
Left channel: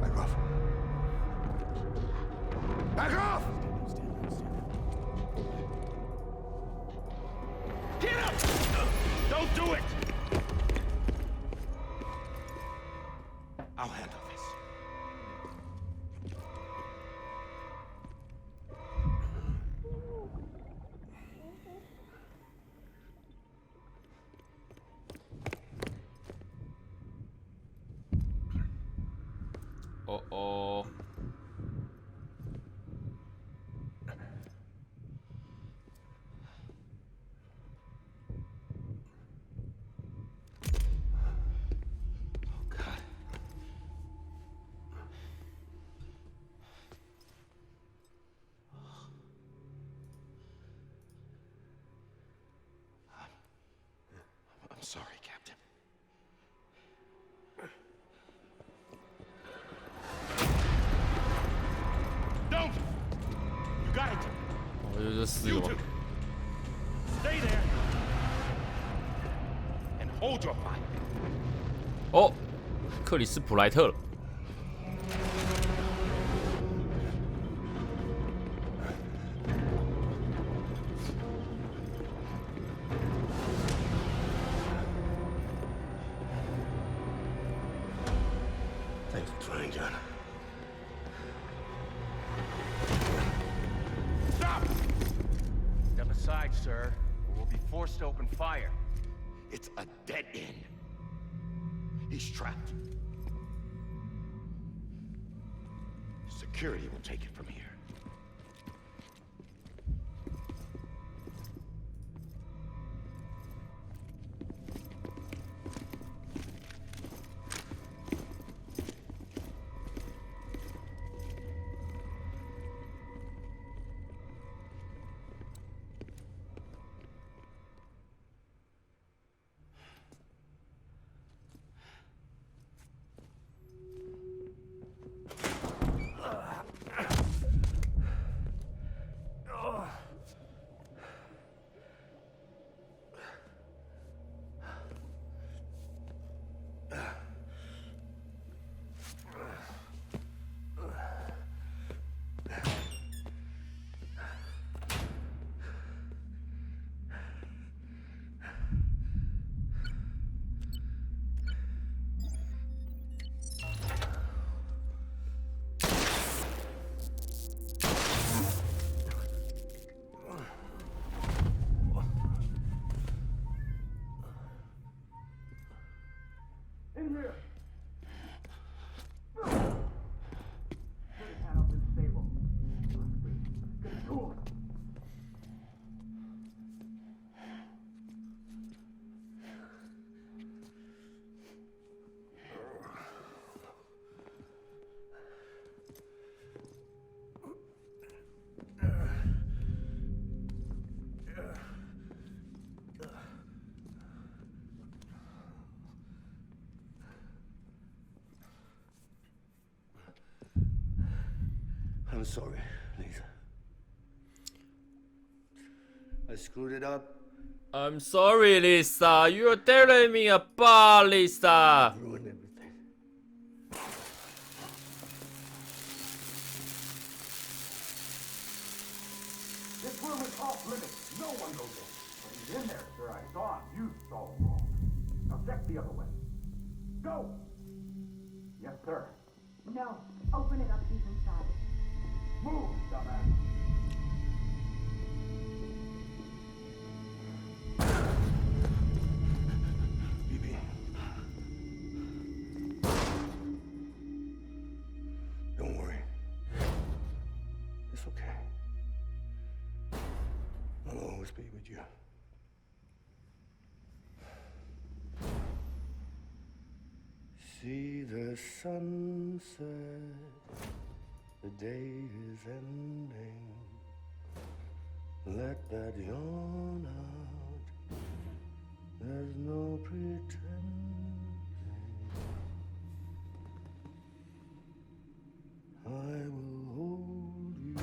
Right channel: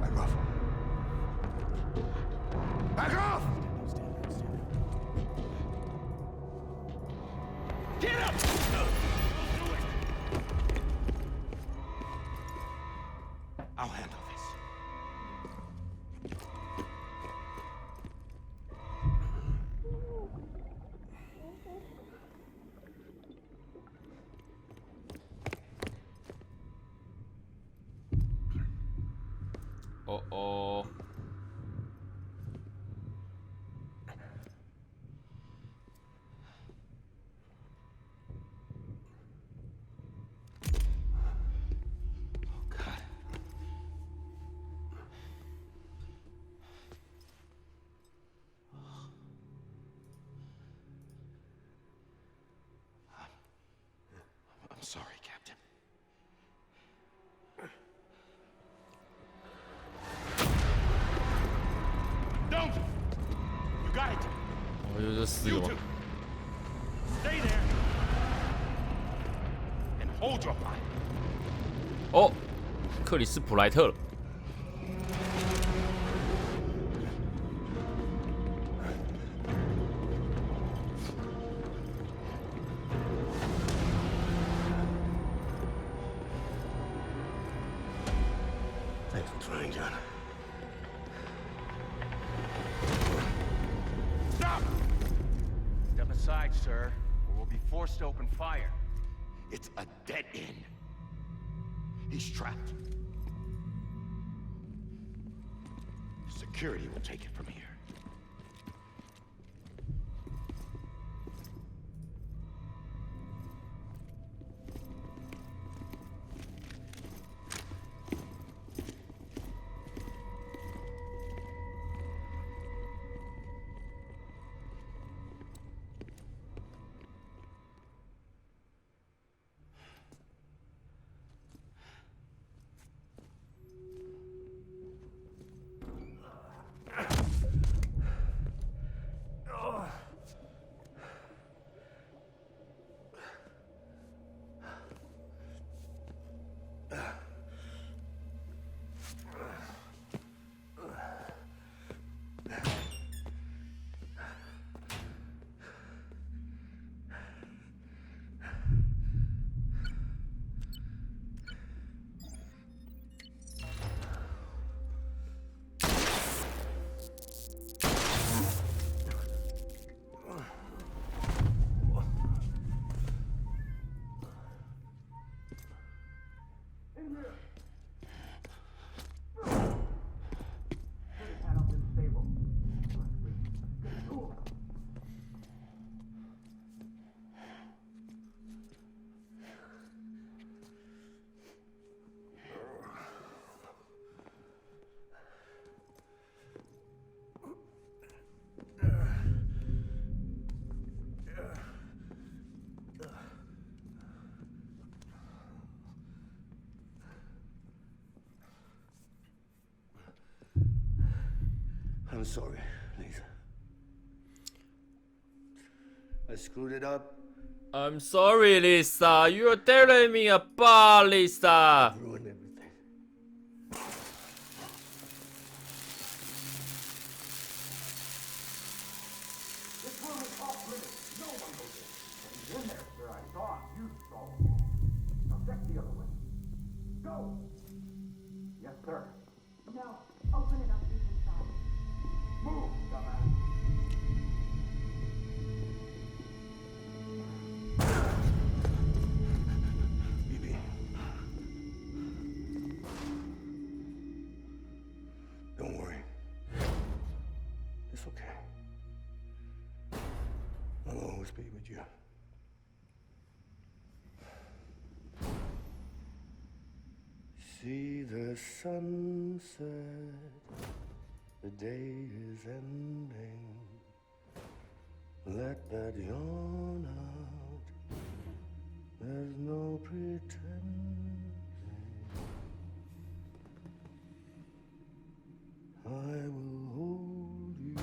Back off. Back off! Get up! Don't do it! I'll handle this.哦。 Oh, God. I'm sorry, Captain. Don't! You got it! 哦，就这四 You 个 two! 吗？ Stay there! And hold your fire! 哦，克里斯普莱特了。 Thanks for trying, John. Stop! Step aside, sir, or we'll be forced to open fire. It's a dead end. He's trapped. Security will take it from here. I'm sorry, Lisa. I screwed it up. I'm sorry, Lisa. You're telling me about Lisa. Ruined everything. This room is off limits. No one goes in. But he's in there, sir. I saw him. You saw him all. Now check the other way. Go! Yes, sir. No, open it up, he's inside. Move, dumbass. BB. Don't worry. It's okay. I'll always be with you. See the sunset, the day is ending. Let that yawn out, there's no pretending. I will hold you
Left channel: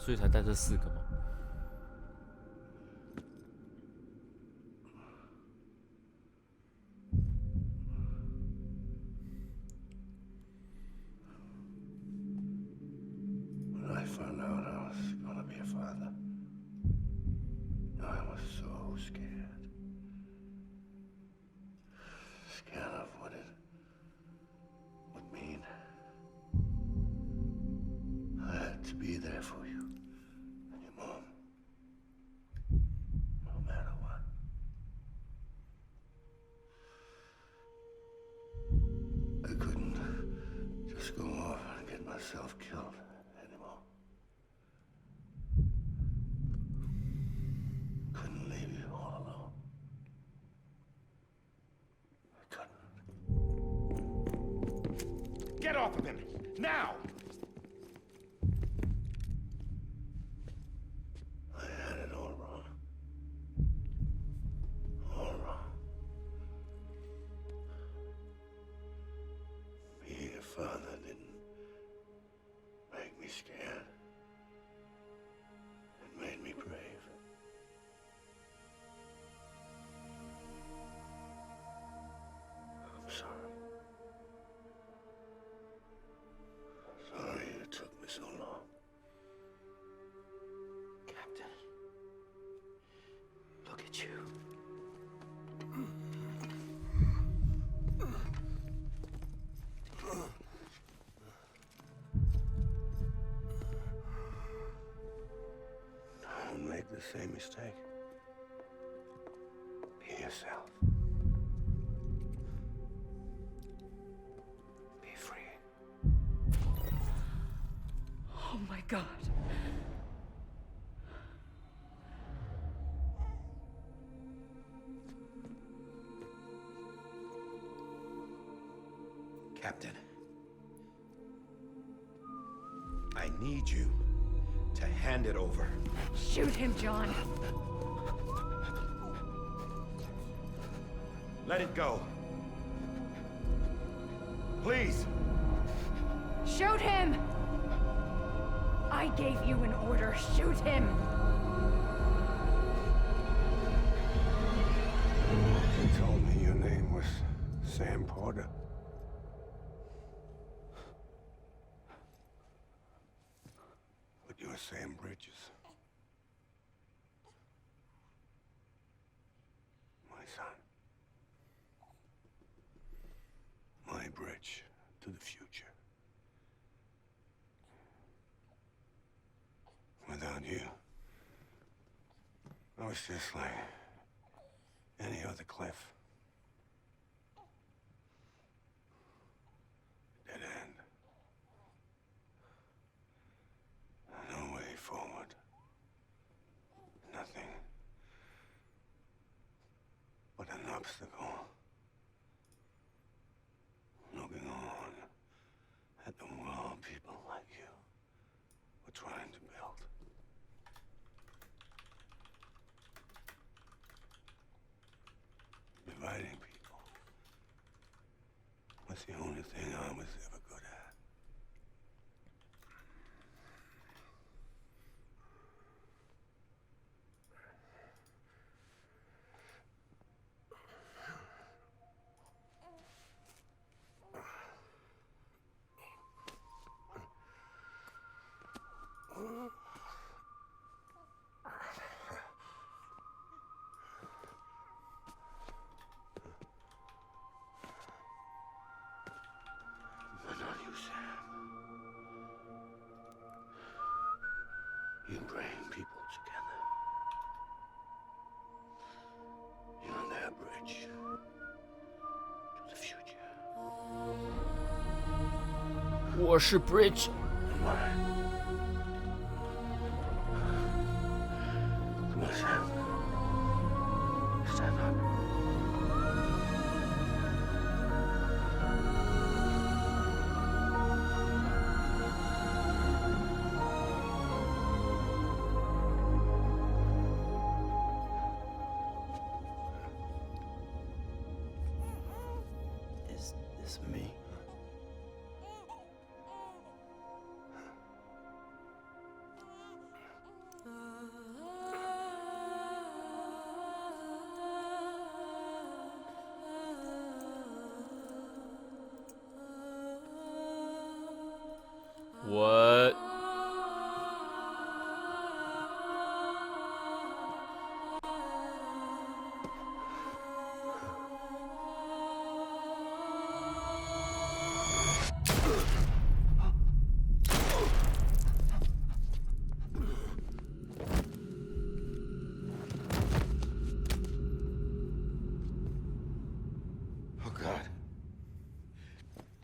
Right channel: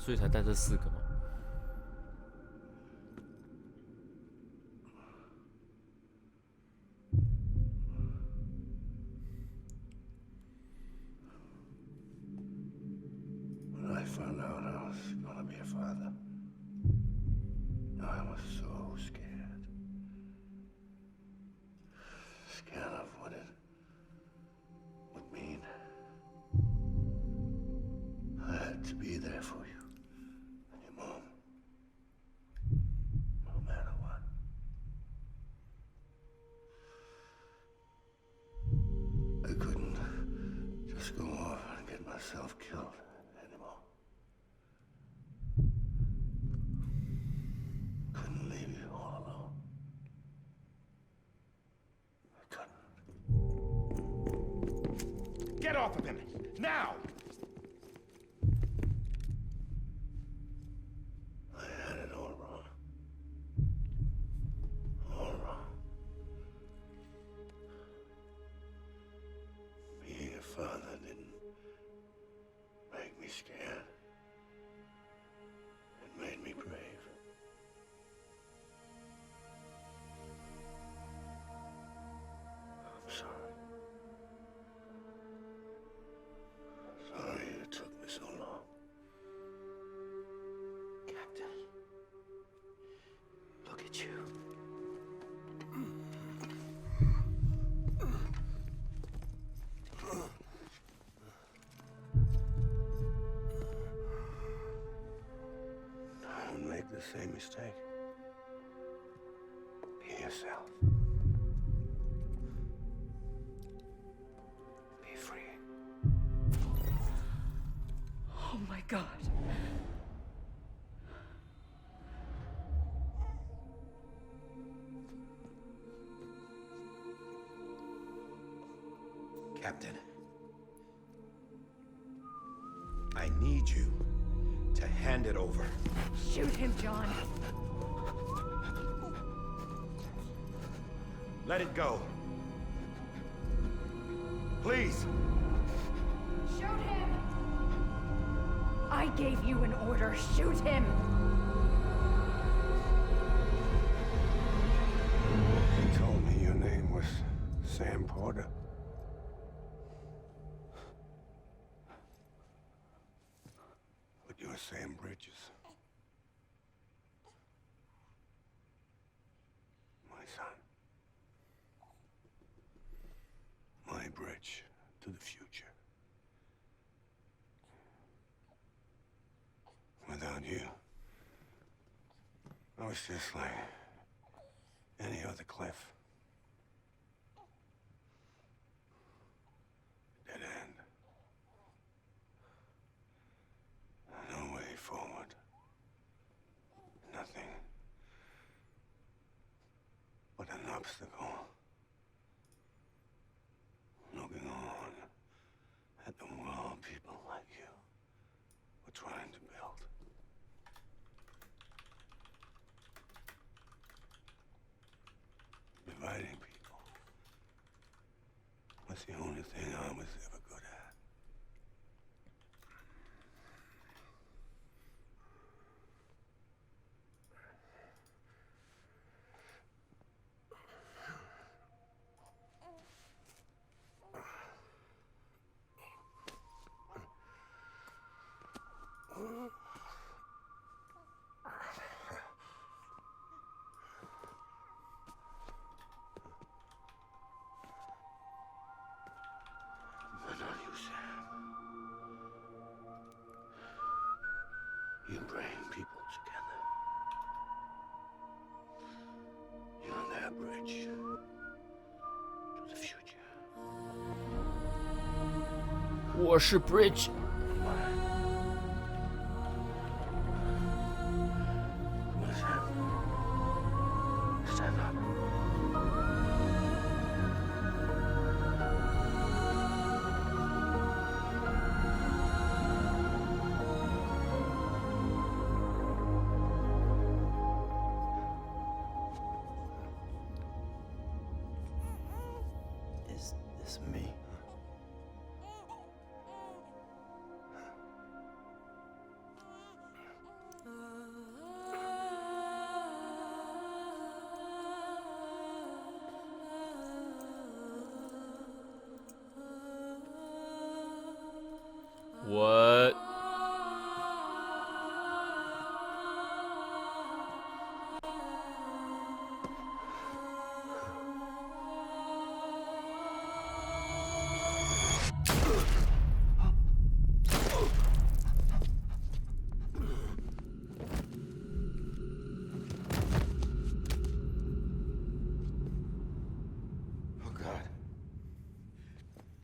所以才带这4个吗？ When I found out I was gonna be a father, I was so scared. Scared of what it would mean. I had to be there for you and your mom, no matter what. I couldn't just go off and get myself killed anymore. Couldn't leave you all alone. I couldn't. Get off of him! Now! I had it all wrong. All wrong. Being a father didn't make me scared. It made me brave. I'm sorry. Sorry it took me so long. Captain, look at you. Don't make the same mistake. Be yourself. Be free. Oh my God. Captain, I need you to hand it over. Shoot him, John. Let it go. Please! Shoot him! I gave you an order. Shoot him! You told me your name was Sam Porter. But you're Sam Bridges. My son. My bridge to the future. Without you, I was just like any other Cliff. Dead end. No way forward. Nothing but an obstacle. Looking on at the world people like you were trying to build. Dividing people was the only thing I was ever good at. But not you, Sam. You bring people together. You're their bridge to the future. 我是 Bridge。 And mine. Come on, Sam. Stand up. Is this me?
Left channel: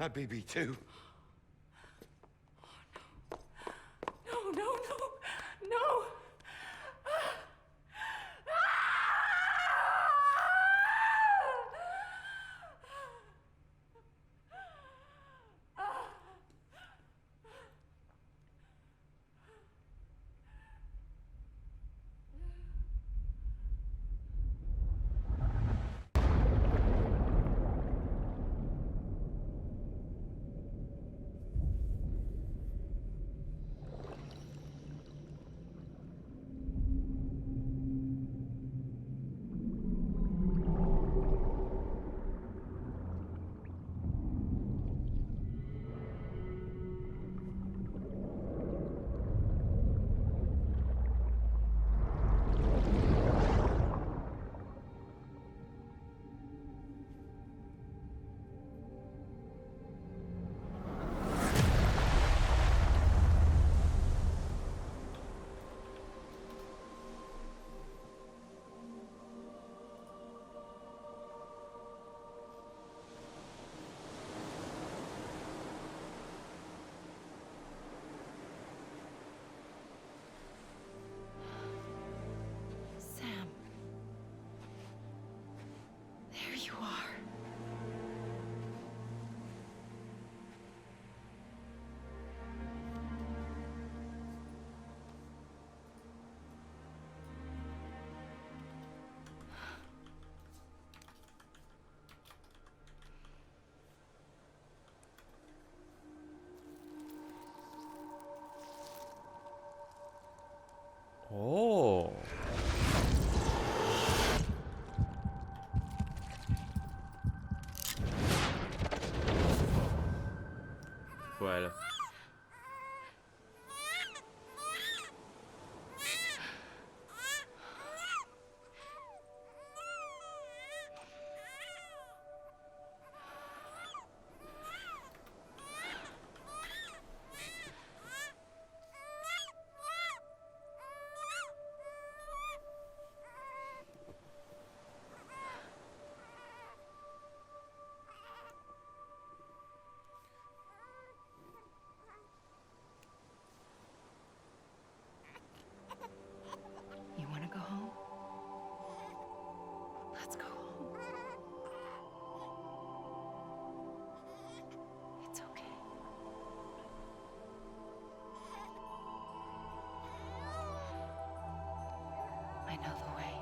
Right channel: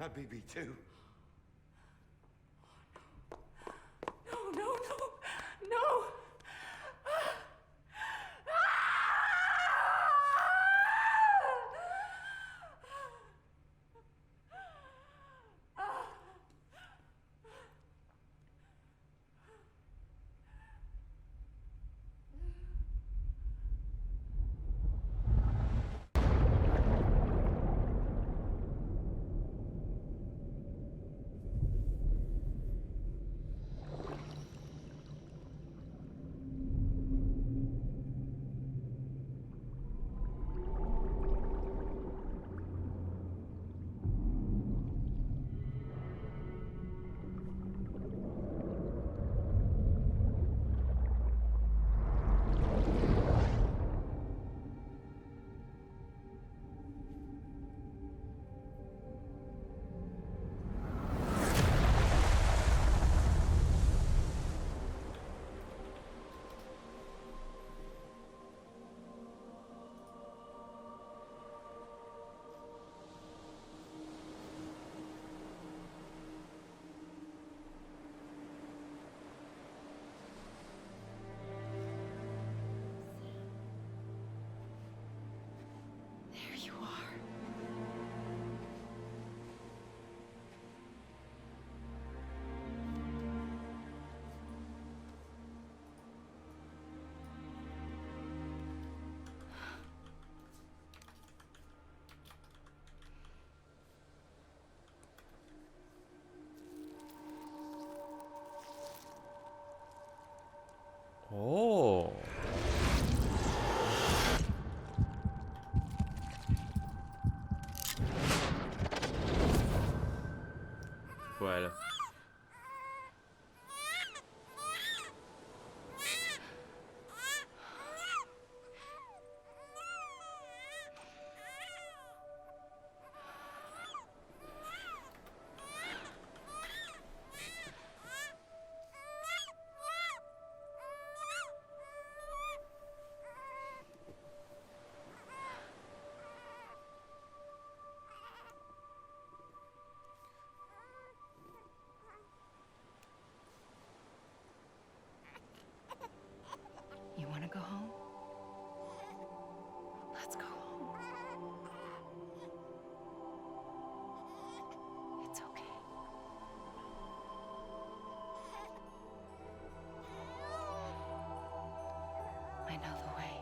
My BB too. No, no, no, no! Sam. There you are.哦，回来了。You want to go home? Let's go home. It's okay. I know the way.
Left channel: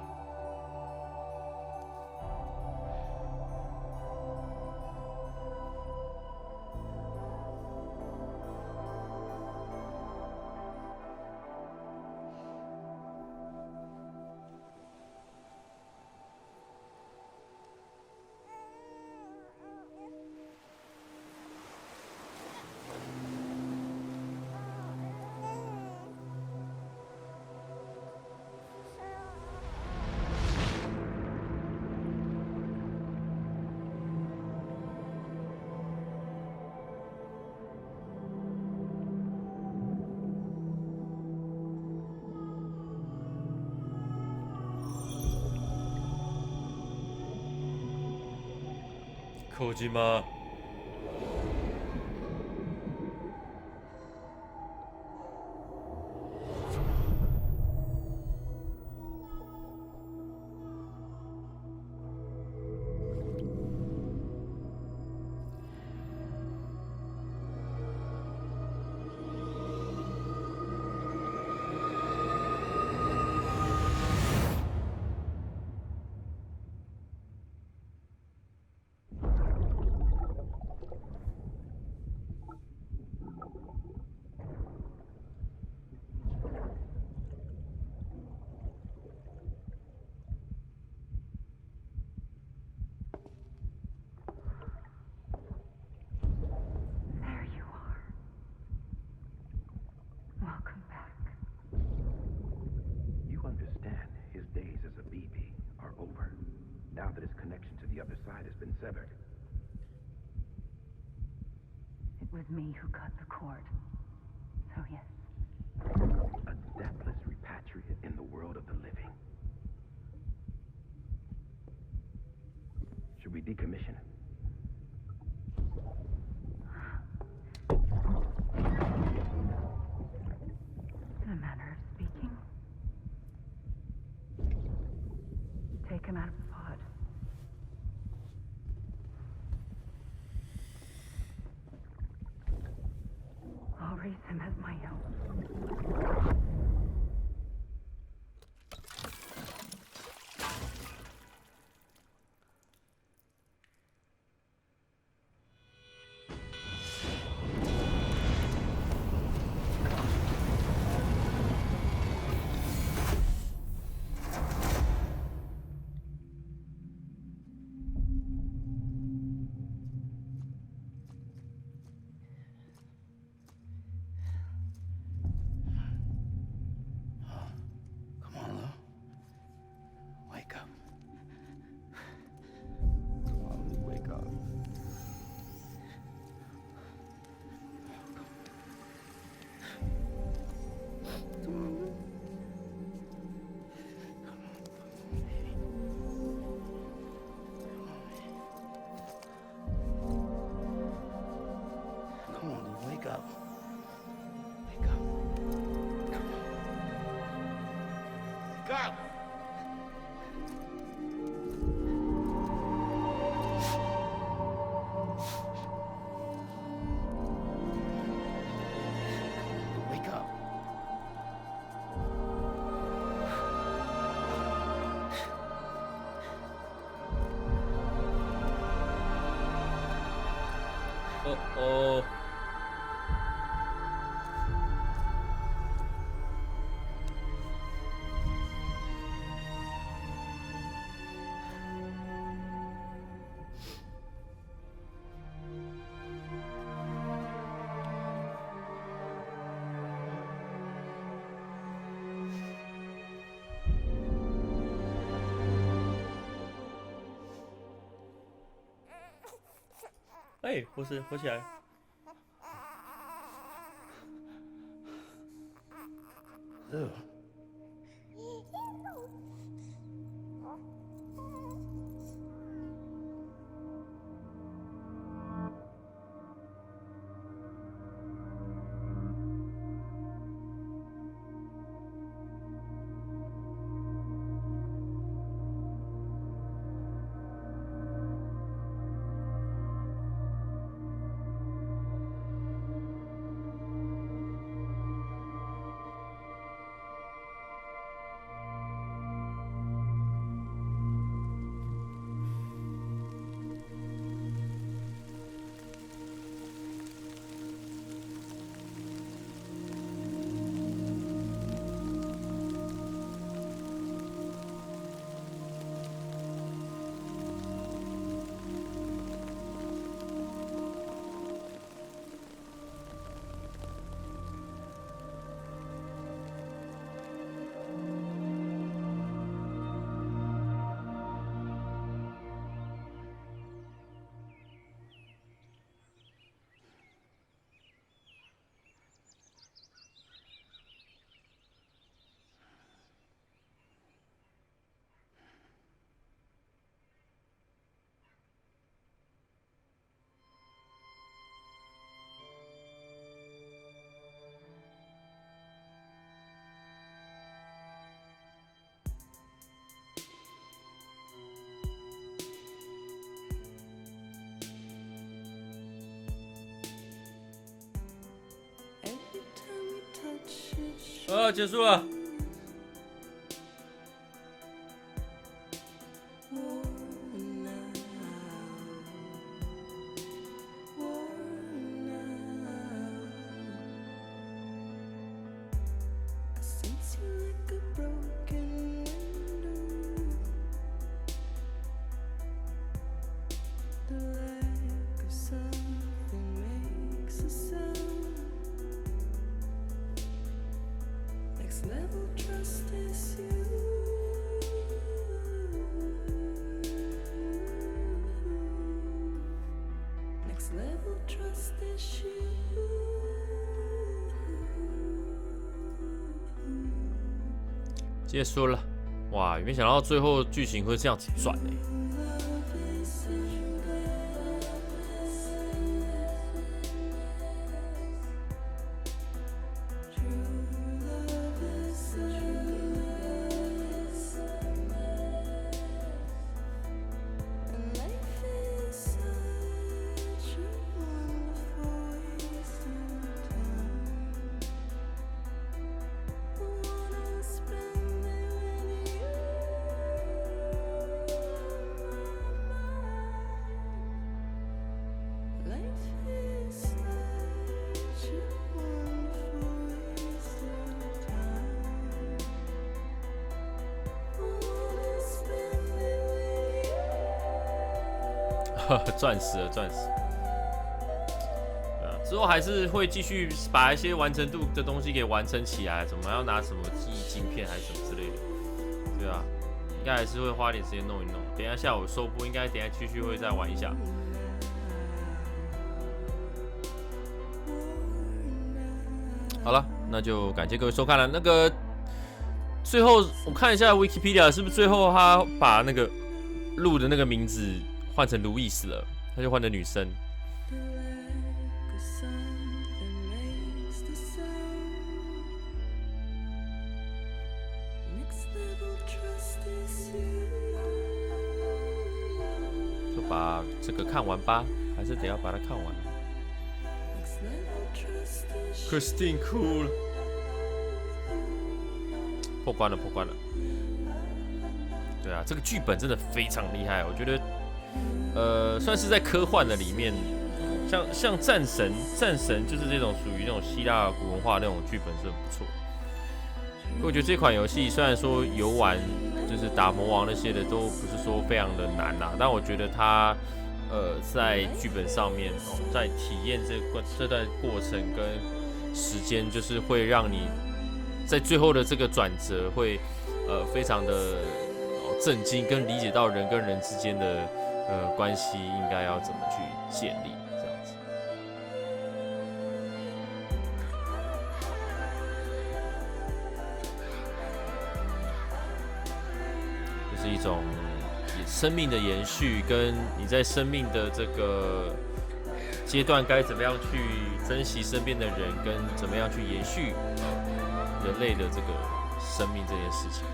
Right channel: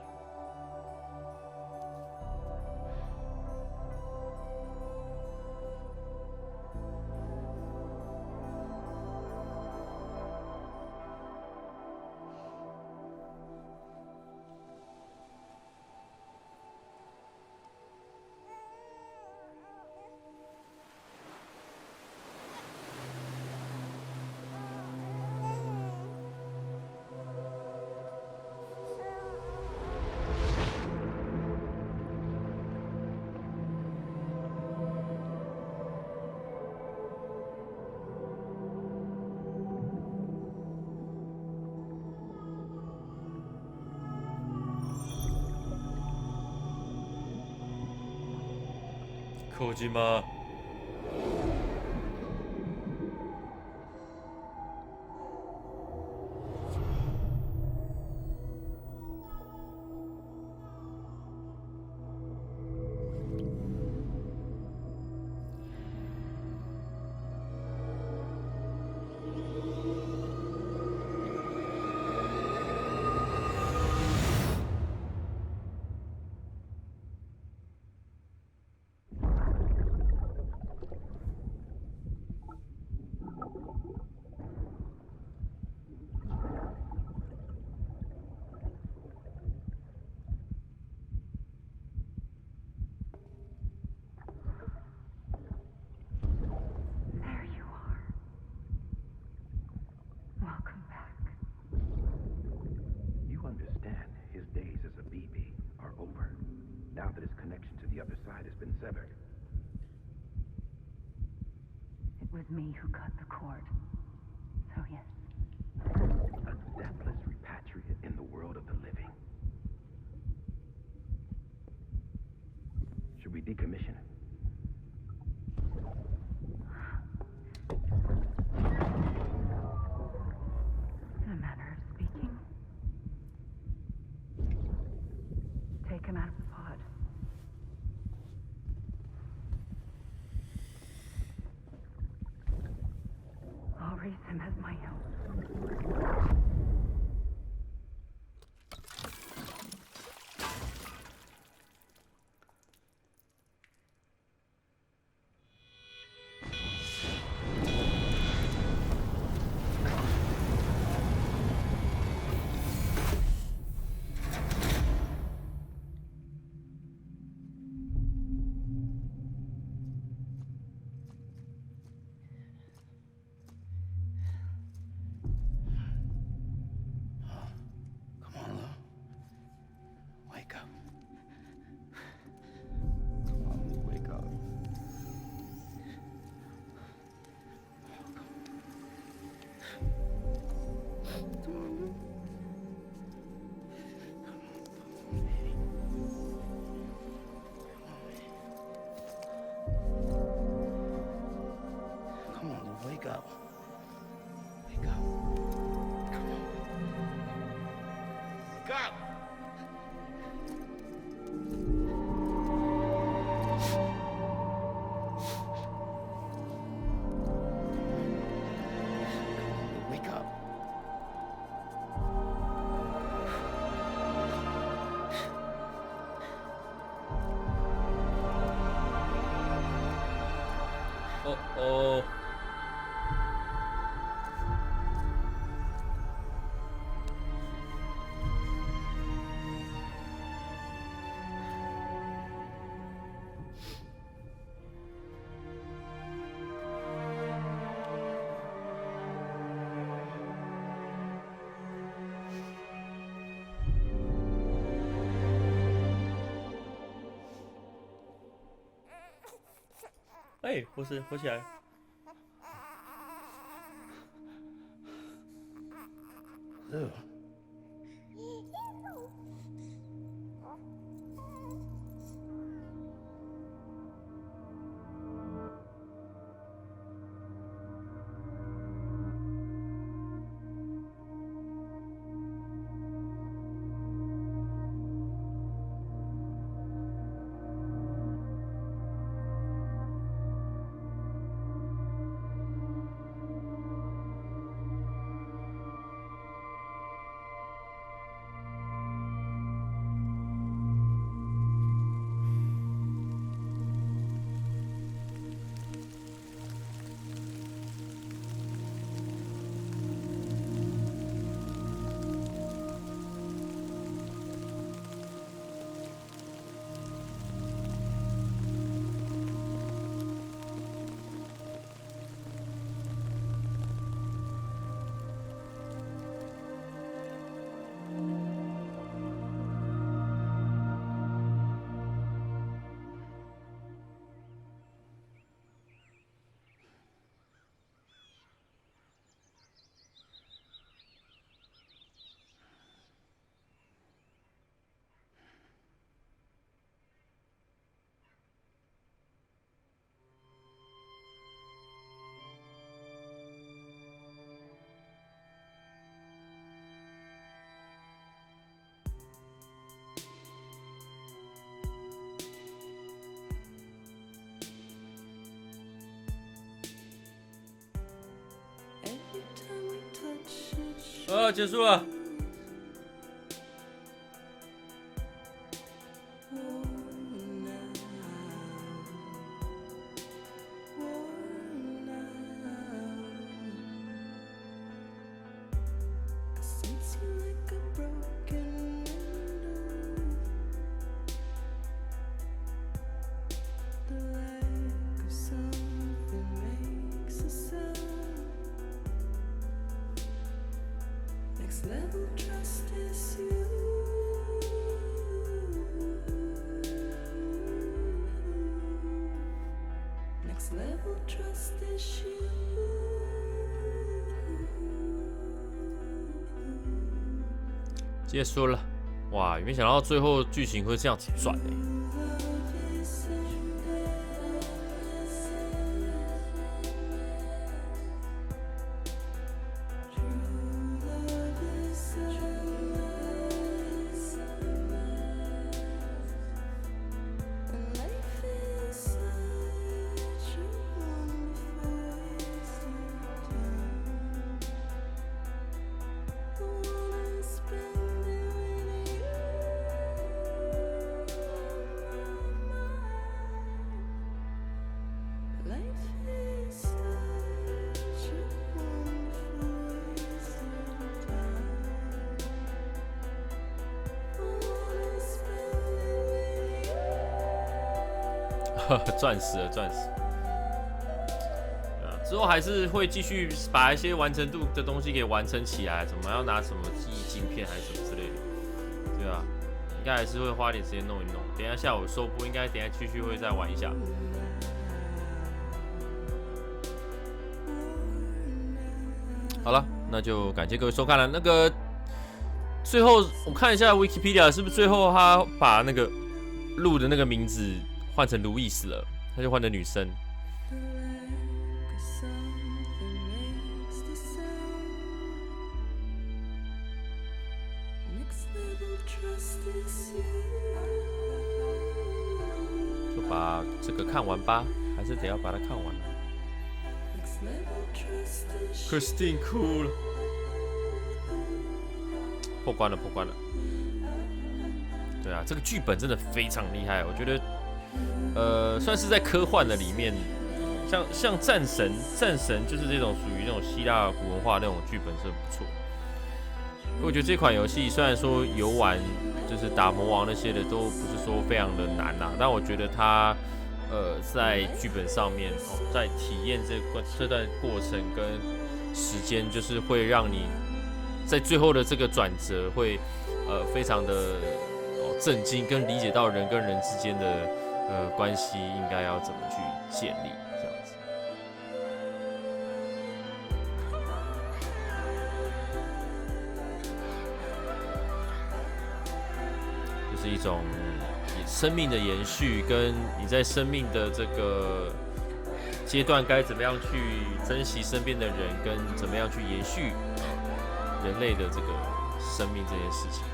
Kojima。There you are. Welcome back. You understand his days as a BB are over, now that his connection to the other side has been severed. It was me who cut the cord. So yes. A deathless repatriate in the world of the living. Should we decommission him? take him out of the pod. I'll raise him as my own. Come on, Lou. Wake up. Come on, Lou, wake up. Come on, Lou. Come on, Lou, wake up. Wake up. Come on. Wake up! Come on, Lou, wake up.哦哦，哎，不是，活起来。Lou.结束了。Level trust is you. Next level trust is you. 结束了，哇！没想到最后剧情会这样子转欸。钻石了，钻石。对啊，之后还是会继续把一些完成度的东西给完成起来，怎么要拿什么记忆晶片还是什么之类的，对啊，应该还是会花点时间弄一弄。等一下下午收播，应该等一下继续会再玩一下。好了，那就感谢各位收看了。那个最后我看一下 Wikipedia， 是不是最后他把那个鹿的那个名字换成路易斯了？他就换成女生。就把这个看完吧，还是得要把它看完了。Christine 哭了，破关了，破关了。对啊，这个剧本真的非常厉害，我觉得，算是在科幻的里面，像战神就是这种属于那种希腊古文化那种剧本是很不错。我觉得这款游戏虽然说游玩就是打魔王那些的都不是说非常的难啦，但我觉得它在剧本上面在体验这段过程跟时间，就是会让你在最后的这个转折会非常的震惊，跟理解到人跟人之间的关系应该要怎么去建立这样子。就是一种生命的延续，跟你在生命的这个阶段该怎么样去珍惜身边的人，跟怎么样去延续人类的这个生命这件事情。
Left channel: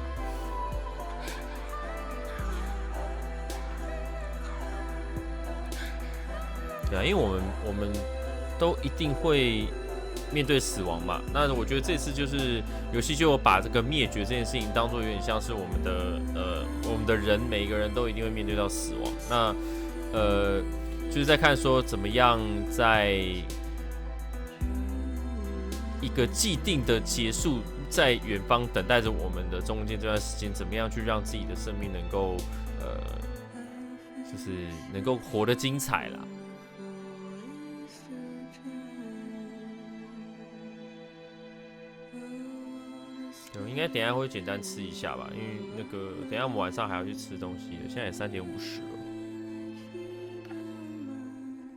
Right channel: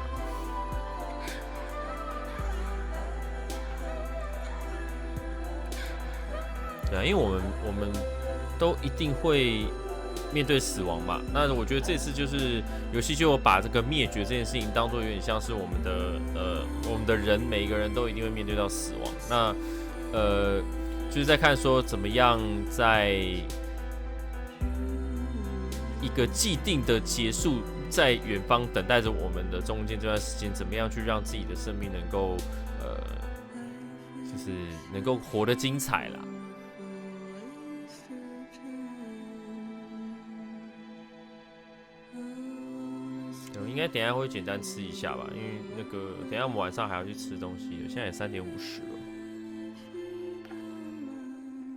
对啊，因为我们都一定会面对死亡嘛。那我觉得这次就是游戏就把这个灭绝这件事情当作有点像是我们的人，每一个人都一定会面对到死亡。那就是在看说怎么样在一个既定的结束，在远方等待着我们的中间这段时间，怎么样去让自己的生命能够就是能够活得精彩啦。应该等一下会简单吃一下吧，因为那个等一下我们晚上还要去吃东西的，现在也3:50了。